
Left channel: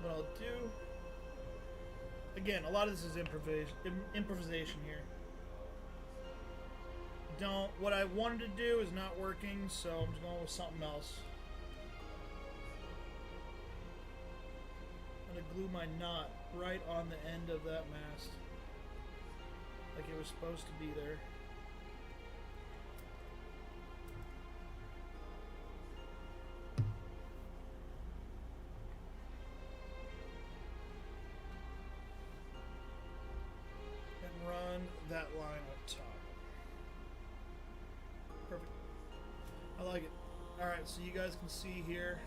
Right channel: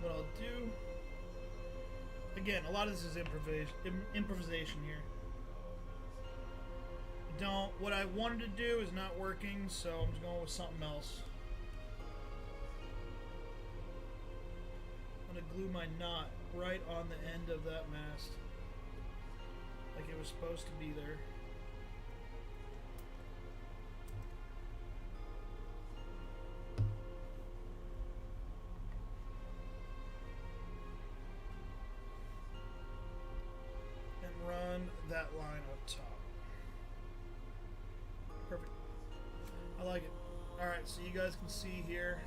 What I'll do, again, a lot of this is improvisation here. What I wanted to do is not working, so I'm just going with something else. I'm going to glue my knot right on the end of that mast, like it was supposed to be there. And run that line up top. Perfect. I like it. Alright, so you guys can see here.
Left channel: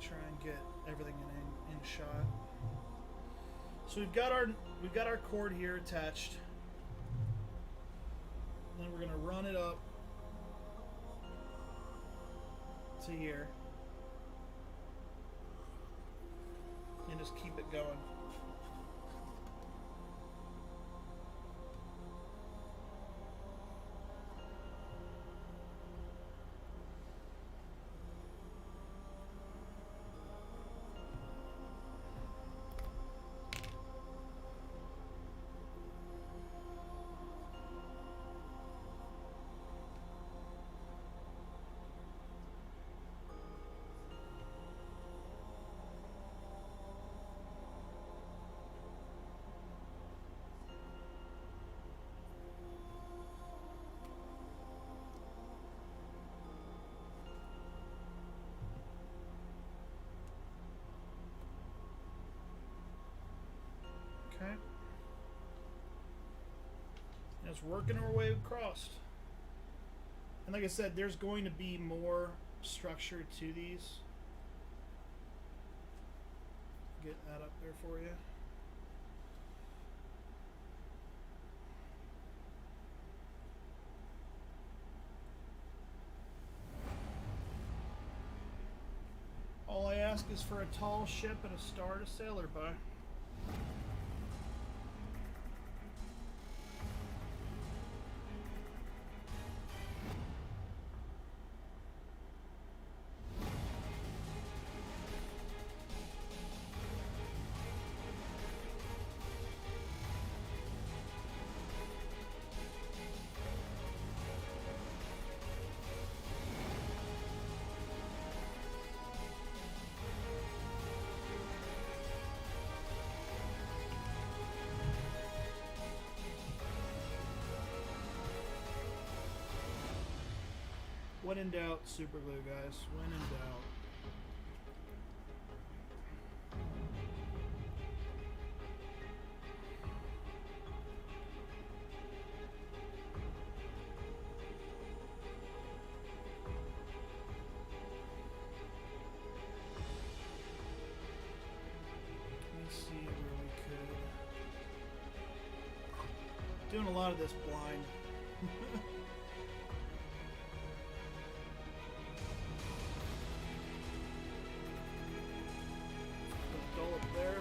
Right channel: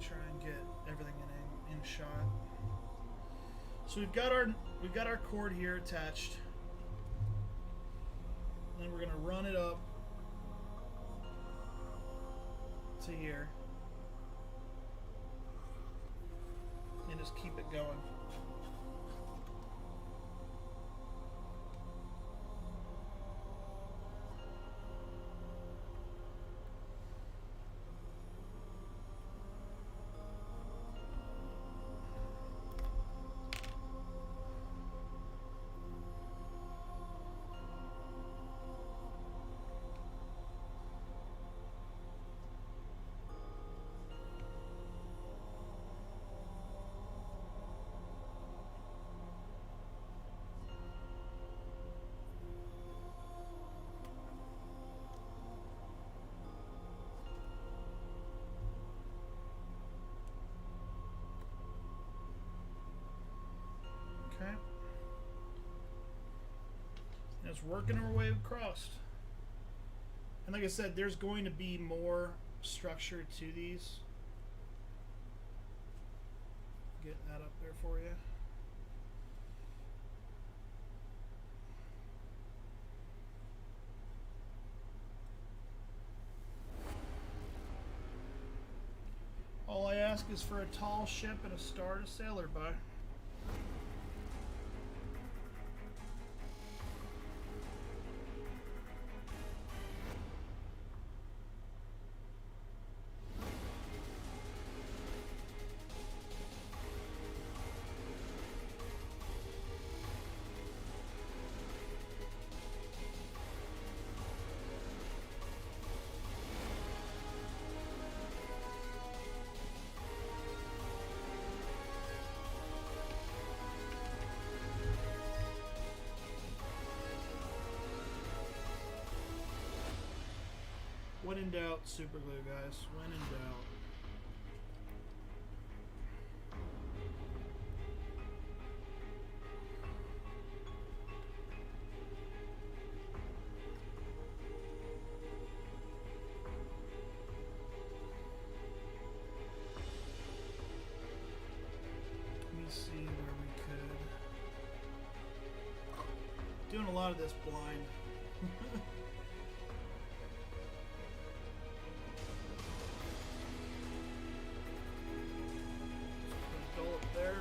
Try and get everything in shot. So we've got our cord here attached. Then we're gonna run it up to here and just keep it going. Okay. And it's working our way across. And like I said, there's going to be more structure to these. Get that up there for you. All I ask is for a tall ship and a star to sail her by. When in doubt, super glue, guys. When in doubt. Let me see where we could. Doing a lot of this blind. Dull up there.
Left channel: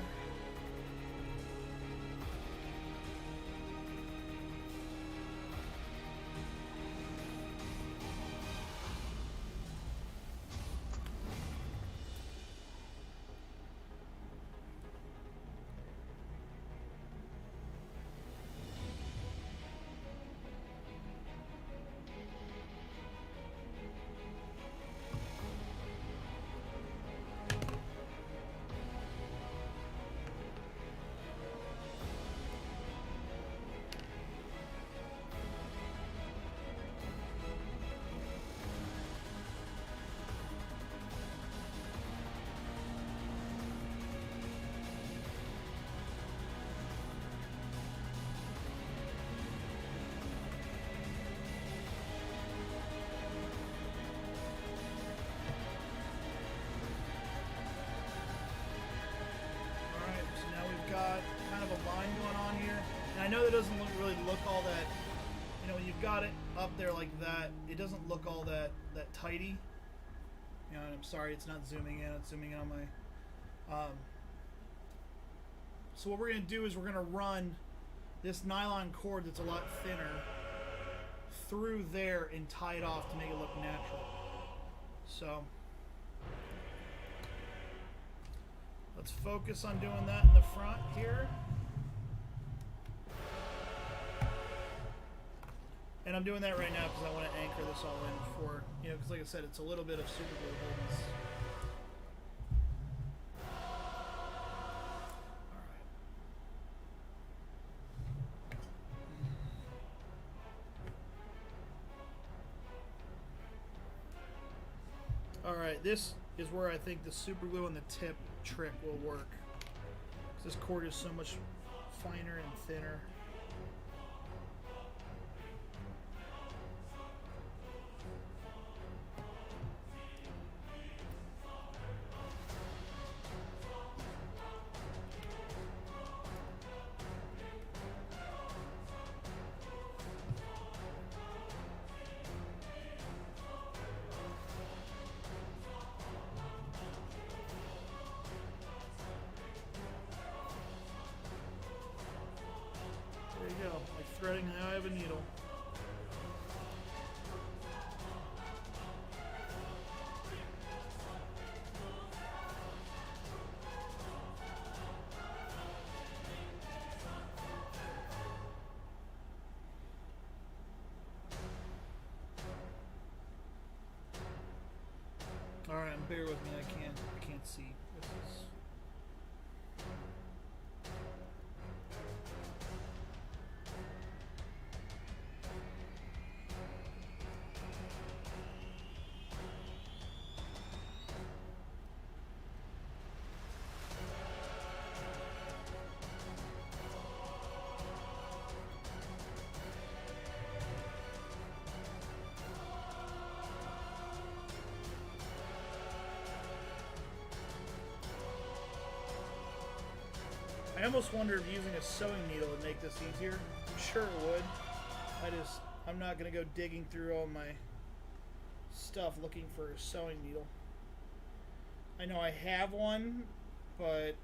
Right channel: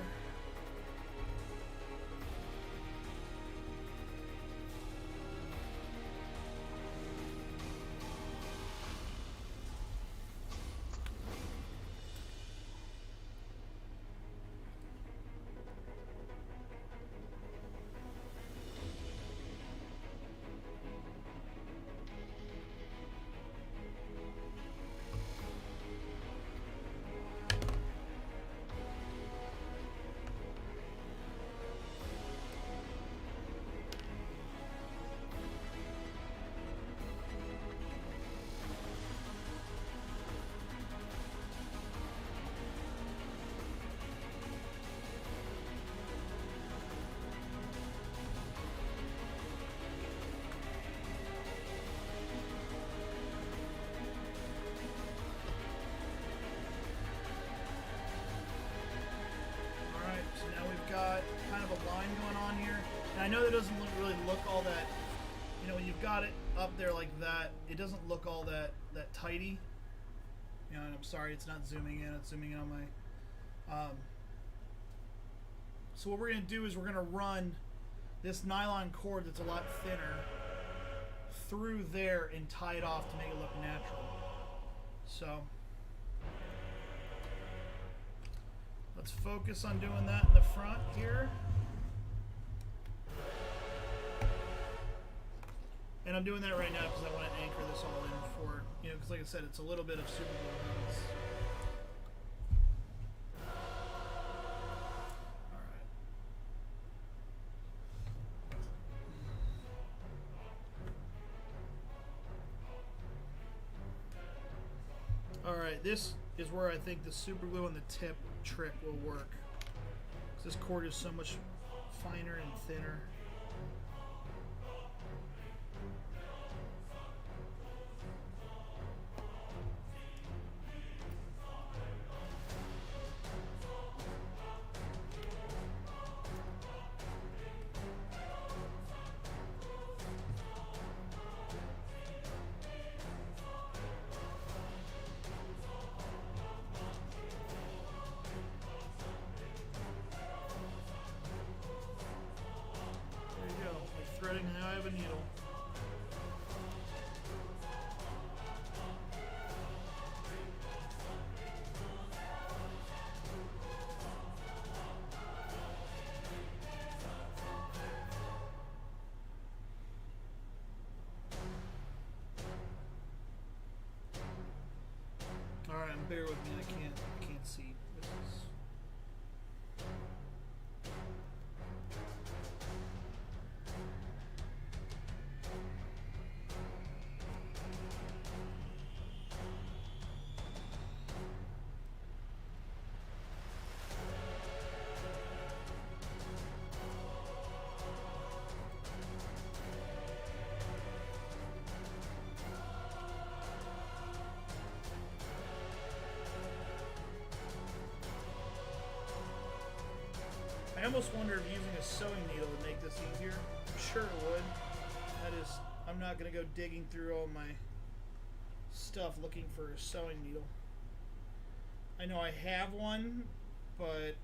Got kind of a line going on here, and I know that doesn't really look all that, you know, when you've got it up there like that, it doesn't look all that tidy, you know, and I'm sorry it's not zooming in, it's zooming in on my so what we're going to do is we're going to run this nylon cord that's a lot thinner through there and tie it off to make it look natural. So let's focus on doing that in the front here. And I'm doing that right now because I want to anchor this all in for, you know, because like I said, it's a little bit of super glue holding this. Alright, this is where I think the super glue on the tip trick will work. This cord is so much finer and thinner. There you go, like threading the eye of a needle. All right, bear with me. I can't see. This is. I almost wonder if using a sewing needle would make this easier. I'm sure it would. I'm not going to go digging through all my stuff looking for a sewing needle. I know I have one, but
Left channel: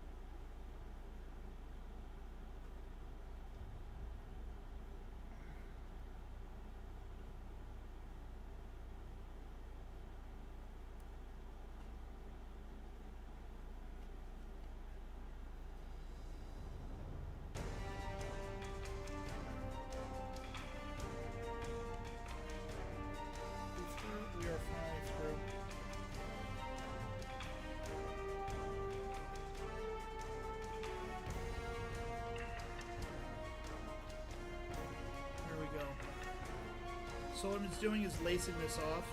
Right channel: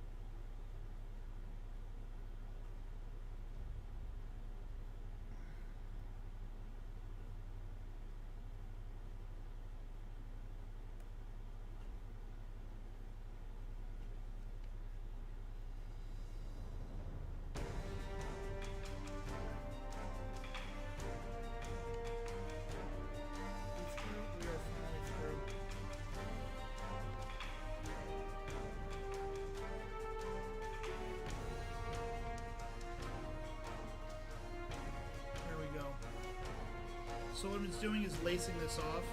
we are finally through. There we go. So what it's doing is lacing this off.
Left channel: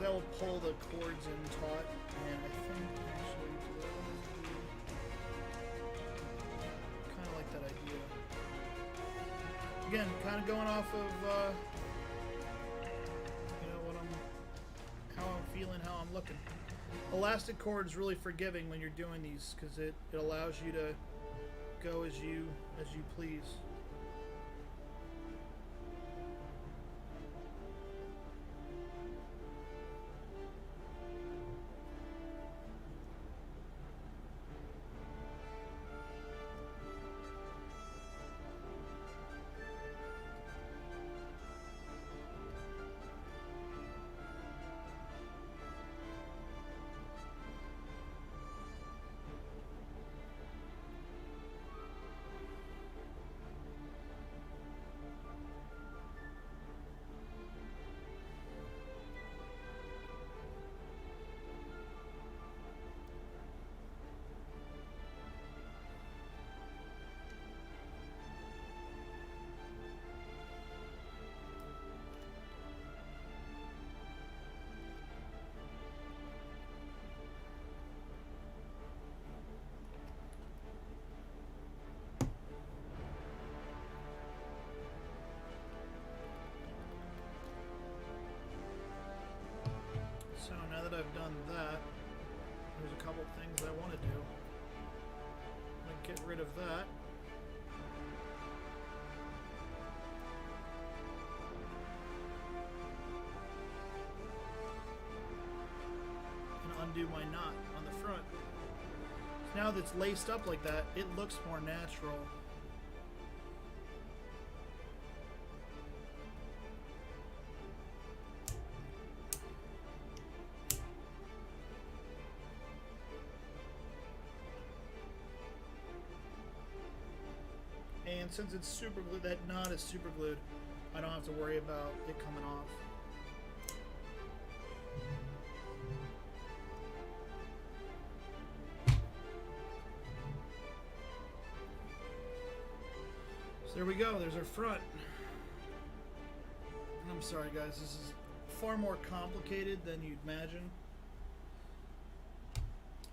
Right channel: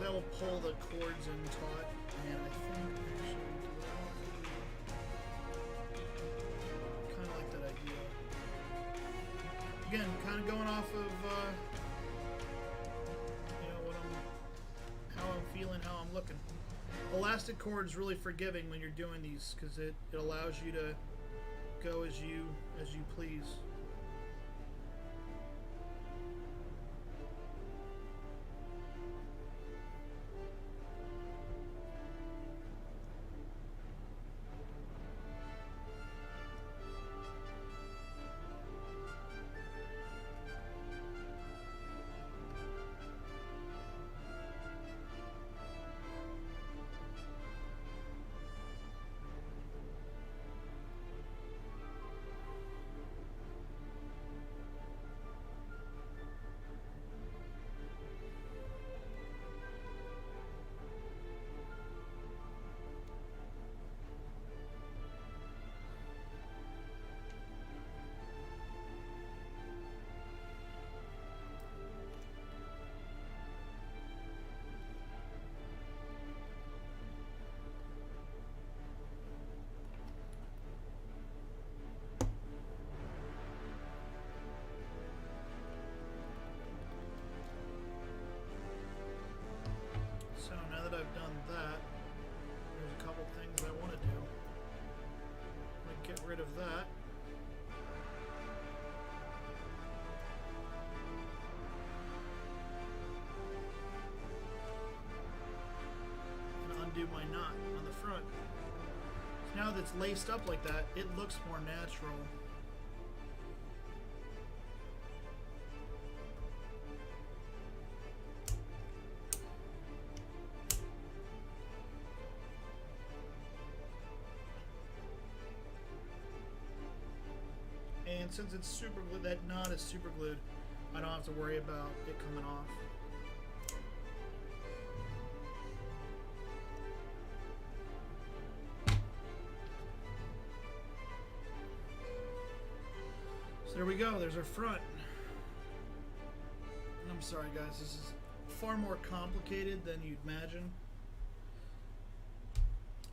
that will pull the cords in taut, and I think actually do what I want to do. Kind of like that idea. Again, kind of going off of you know, how I'm feeling, how I'm looking. Elastic cord is really forgiving when you're doing these because it allows you to go as you please. So now that I've done that, there's a couple things I want to do. I'm going to get rid of that. And undo my knot on the front. So now that it's laced up like that, it looks more natural. And since it's super glued, that knot is super glued, I don't have to worry about it coming off. So there we go, there's our front. I'm sorry guys, this is far more complicated than you'd imagine.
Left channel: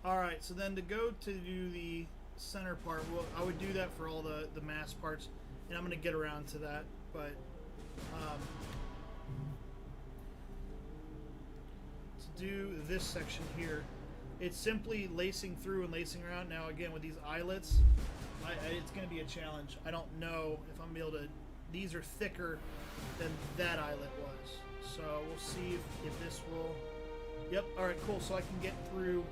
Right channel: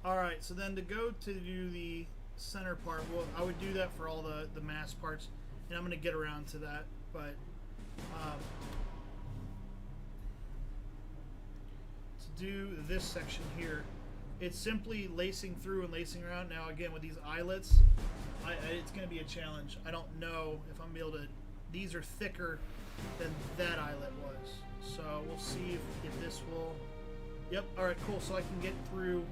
Alright, so then to go to do the center part, well, I would do that for all the mass parts, and I'm going to get around to that, but to do this section here, it's simply lacing through and lacing around. Now again, with these eyelets, it's going to be a challenge. I don't know if I'm able to, these are thicker than that eyelet was, so we'll see if this will, yep, alright, cool, so I can get through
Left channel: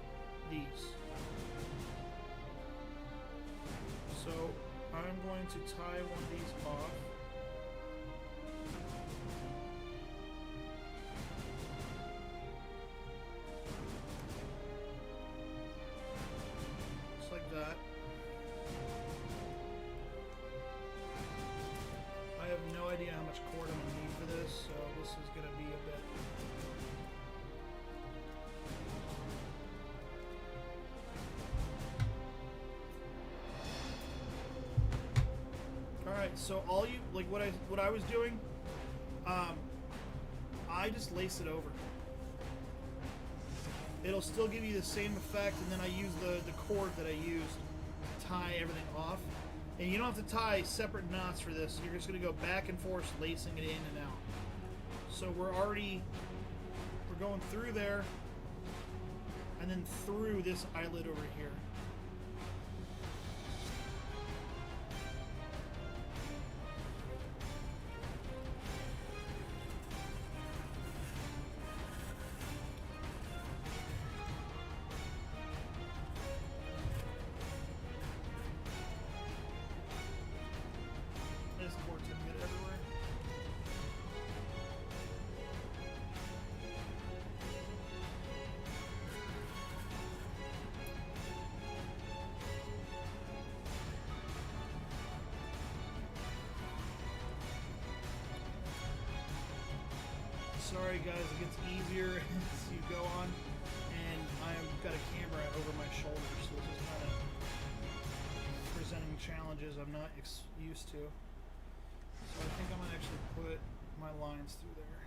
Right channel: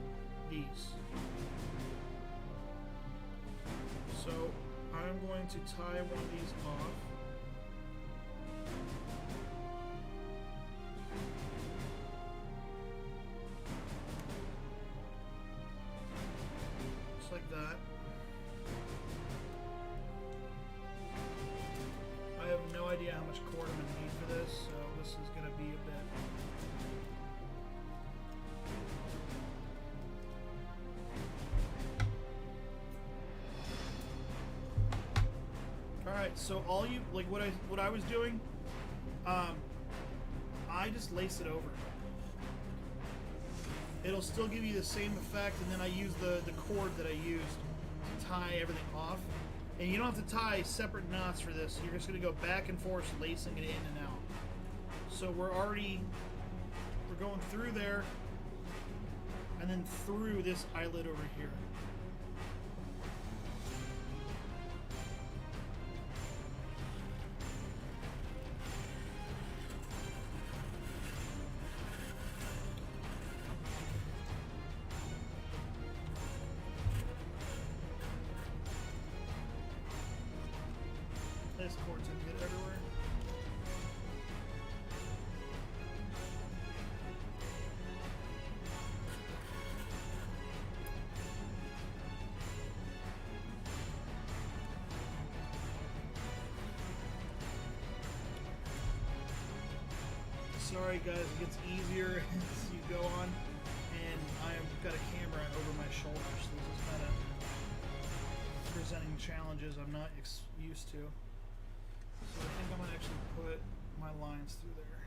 these. So I'm going to tie one of these off. Just like that. I have no idea how much cord I'm going to need for this, so this is going to be a bit. Alright, so all you, like what I was doing, I just lace it over. It'll still give you the same effect, and then I use the cord that I used to tie everything off. And you don't have to tie separate knots for this. You're just going to go back and forth, lacing it in and out. So we're going through there, and then through this eyelet over here. This cord's gonna get everywhere. Sorry guys, it gets easier as you go on, and I've got a camera over my shoulder, so this is kind of presenting challenges I'm not used to. So I think I'm going to actually put my lines through there.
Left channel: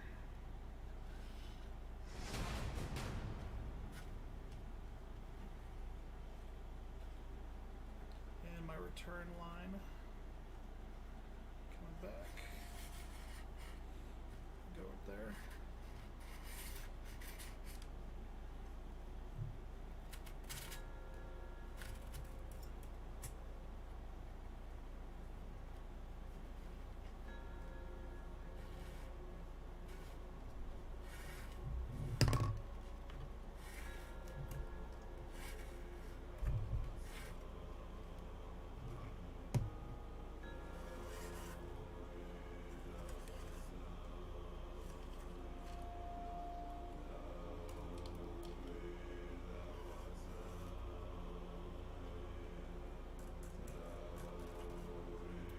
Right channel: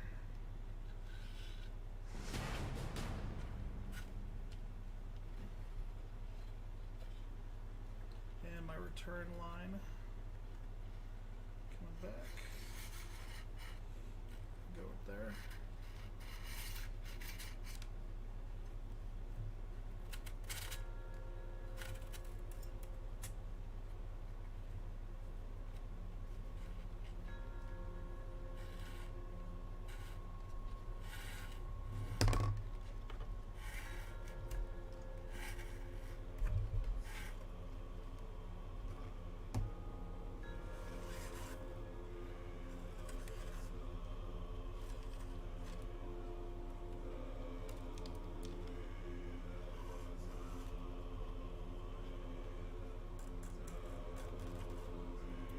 return line. Coming back. Go up there.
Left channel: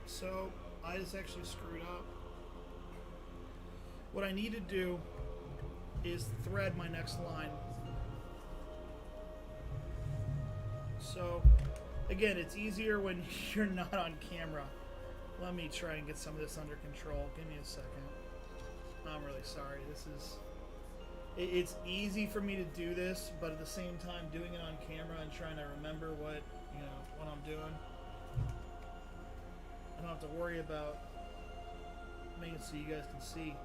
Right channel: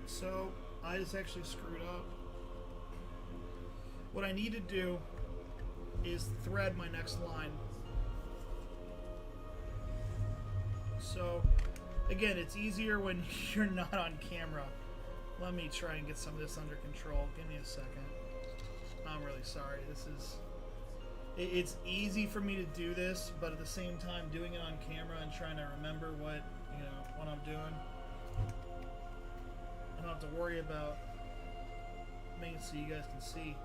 So I just actually screwed up. What I need to do is thread my next line. So again, it's easier when you're not on camera. Let me try and get some of this under control. Give me a second. I'm really sorry. It's easy for me to do this, but at the same time doing it on camera and trying to remember what I'm doing. I don't have to worry about making it so you guys can see.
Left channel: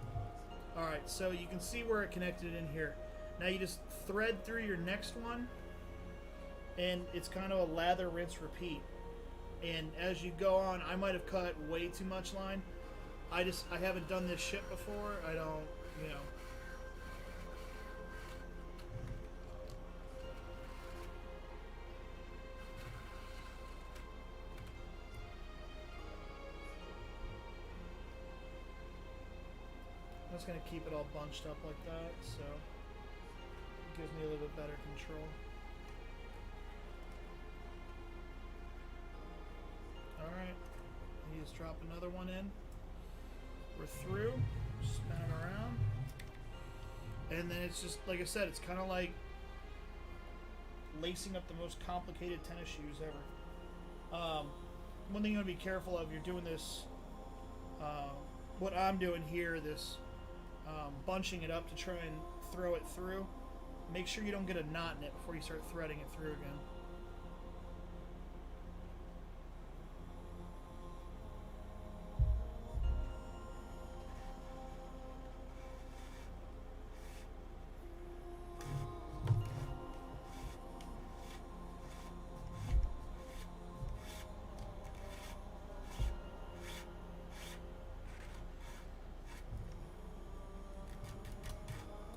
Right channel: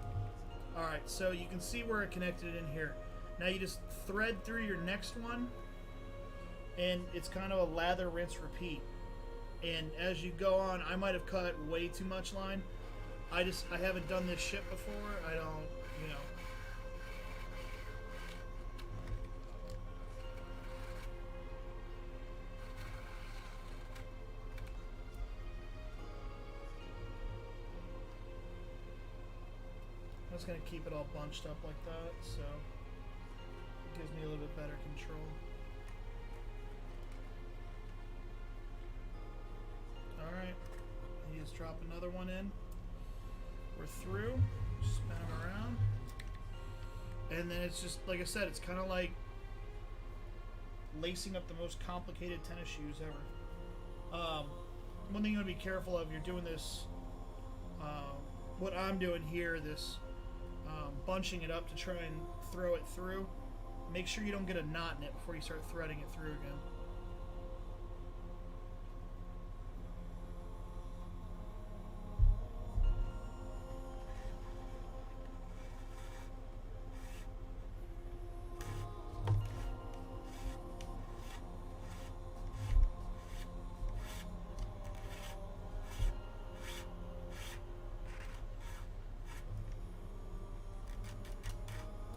Alright, so you can see where it connected in here. Now you just thread through your next one, and it's kind of a lather, rinse, repeat. And as you go on, I might have cut way too much line. I haven't done this shit before. I don't, I'm just going to keep it all bunched up like that, so it gives me a little bit better control. Alright, you just drop another one in. We're through, spin them around. And then it's just, like I said, it's kind of like lacing up the most complicated tennis shoes ever. One thing you want to be careful of, you're doing this, what I'm doing here, this bunching it up to try and throw it through. Make sure you don't get a knot in it before you start threading it through again.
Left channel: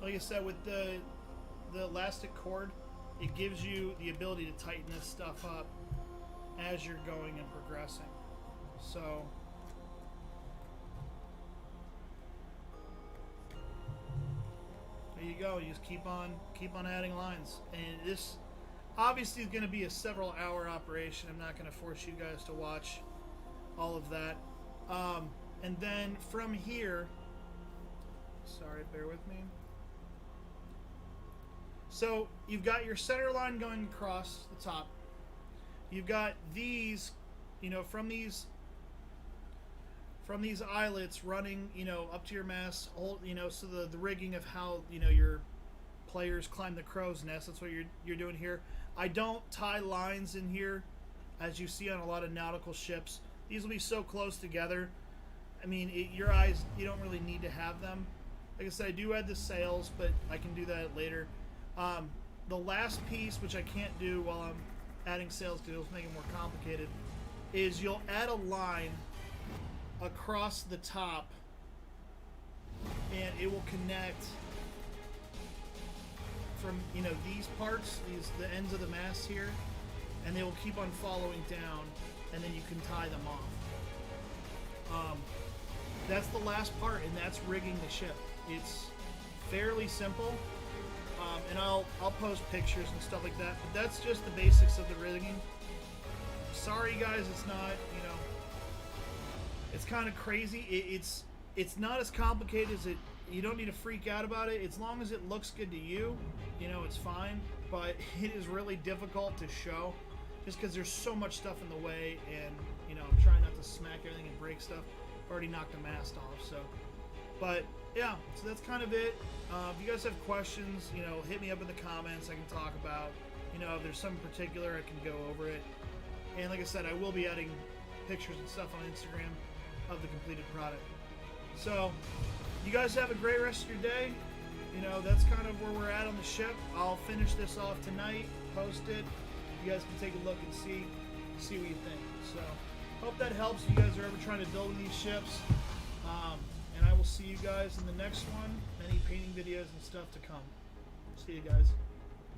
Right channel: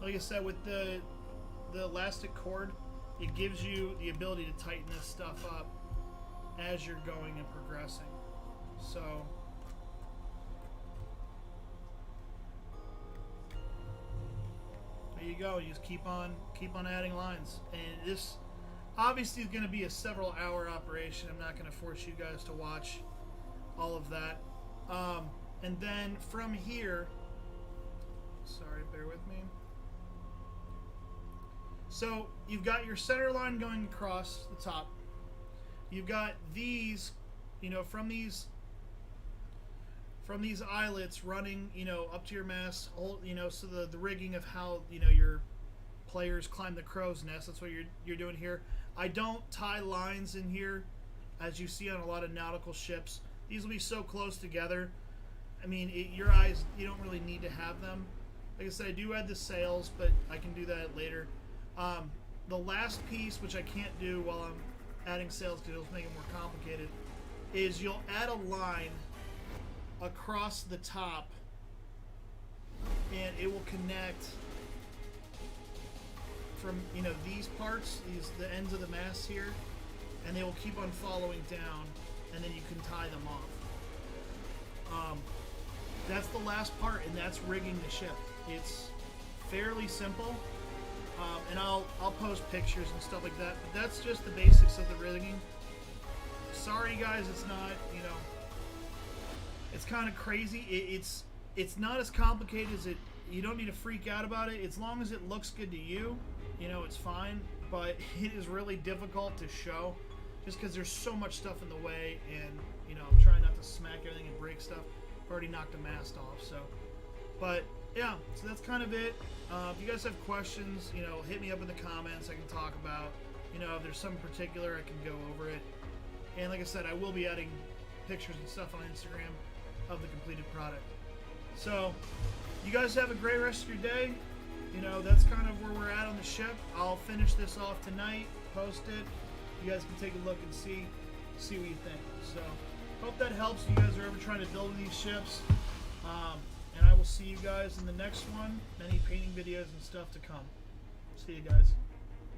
Like I said, with the elastic cord, it gives you the ability to tighten this stuff up as you're going and progressing. So there you go. You just keep on adding lines, and this obviously is going to be a several hour operation. I'm not going to force you guys to watch all of that. And then from here, sorry, bear with me. So you've got your center line going across the top. You've got these, from these eyelets running, up to your mast, so the rigging of how, your players climb the crow's nest. That's what you're doing here. I don't tie lines in here, as you see on a lot of nautical ships. These will be so close together. I mean, your eyes, you don't really need to have them. Like I said, I do add the sails, but I can do that later. The last piece, which I can't do while I'm adding sails because it'll make it more complicated, is you'll add a line across the top, and it will connect from these parts, the ends of the mast here, and they will keep on following down, and then you can tie them off. That's the last part, and that's rigging the ship. It's fairly simple. And I'll post pictures and stuff like that, but that's just the basics of the rigging. Sorry guys, it's not, it's kind of crazy. It's not as complicated as it. You don't need to freak out about it. As long as it looks good to you, it's fine. But it is really difficult to show, just because there's so much stuff in the way, and I'm trying not to smack everything and break stuff. I've already knocked the mast off, so. But yeah, so that's kind of it. If you guys have questions, hit me up in the comments. I can talk about, if there's something particular, I can go over it. And like I said, I will be adding pictures and stuff on Instagram of the completed product. So, you guys have a great rest of your day. You know, that's kind of where we're at on the ship. I'll finish this off tonight, post it. You guys can take a look and see what you think. So, hope that helps if you guys are ever trying to build these ships. And I will see you guys in the next one. Many painting videos and stuff to come. See you guys.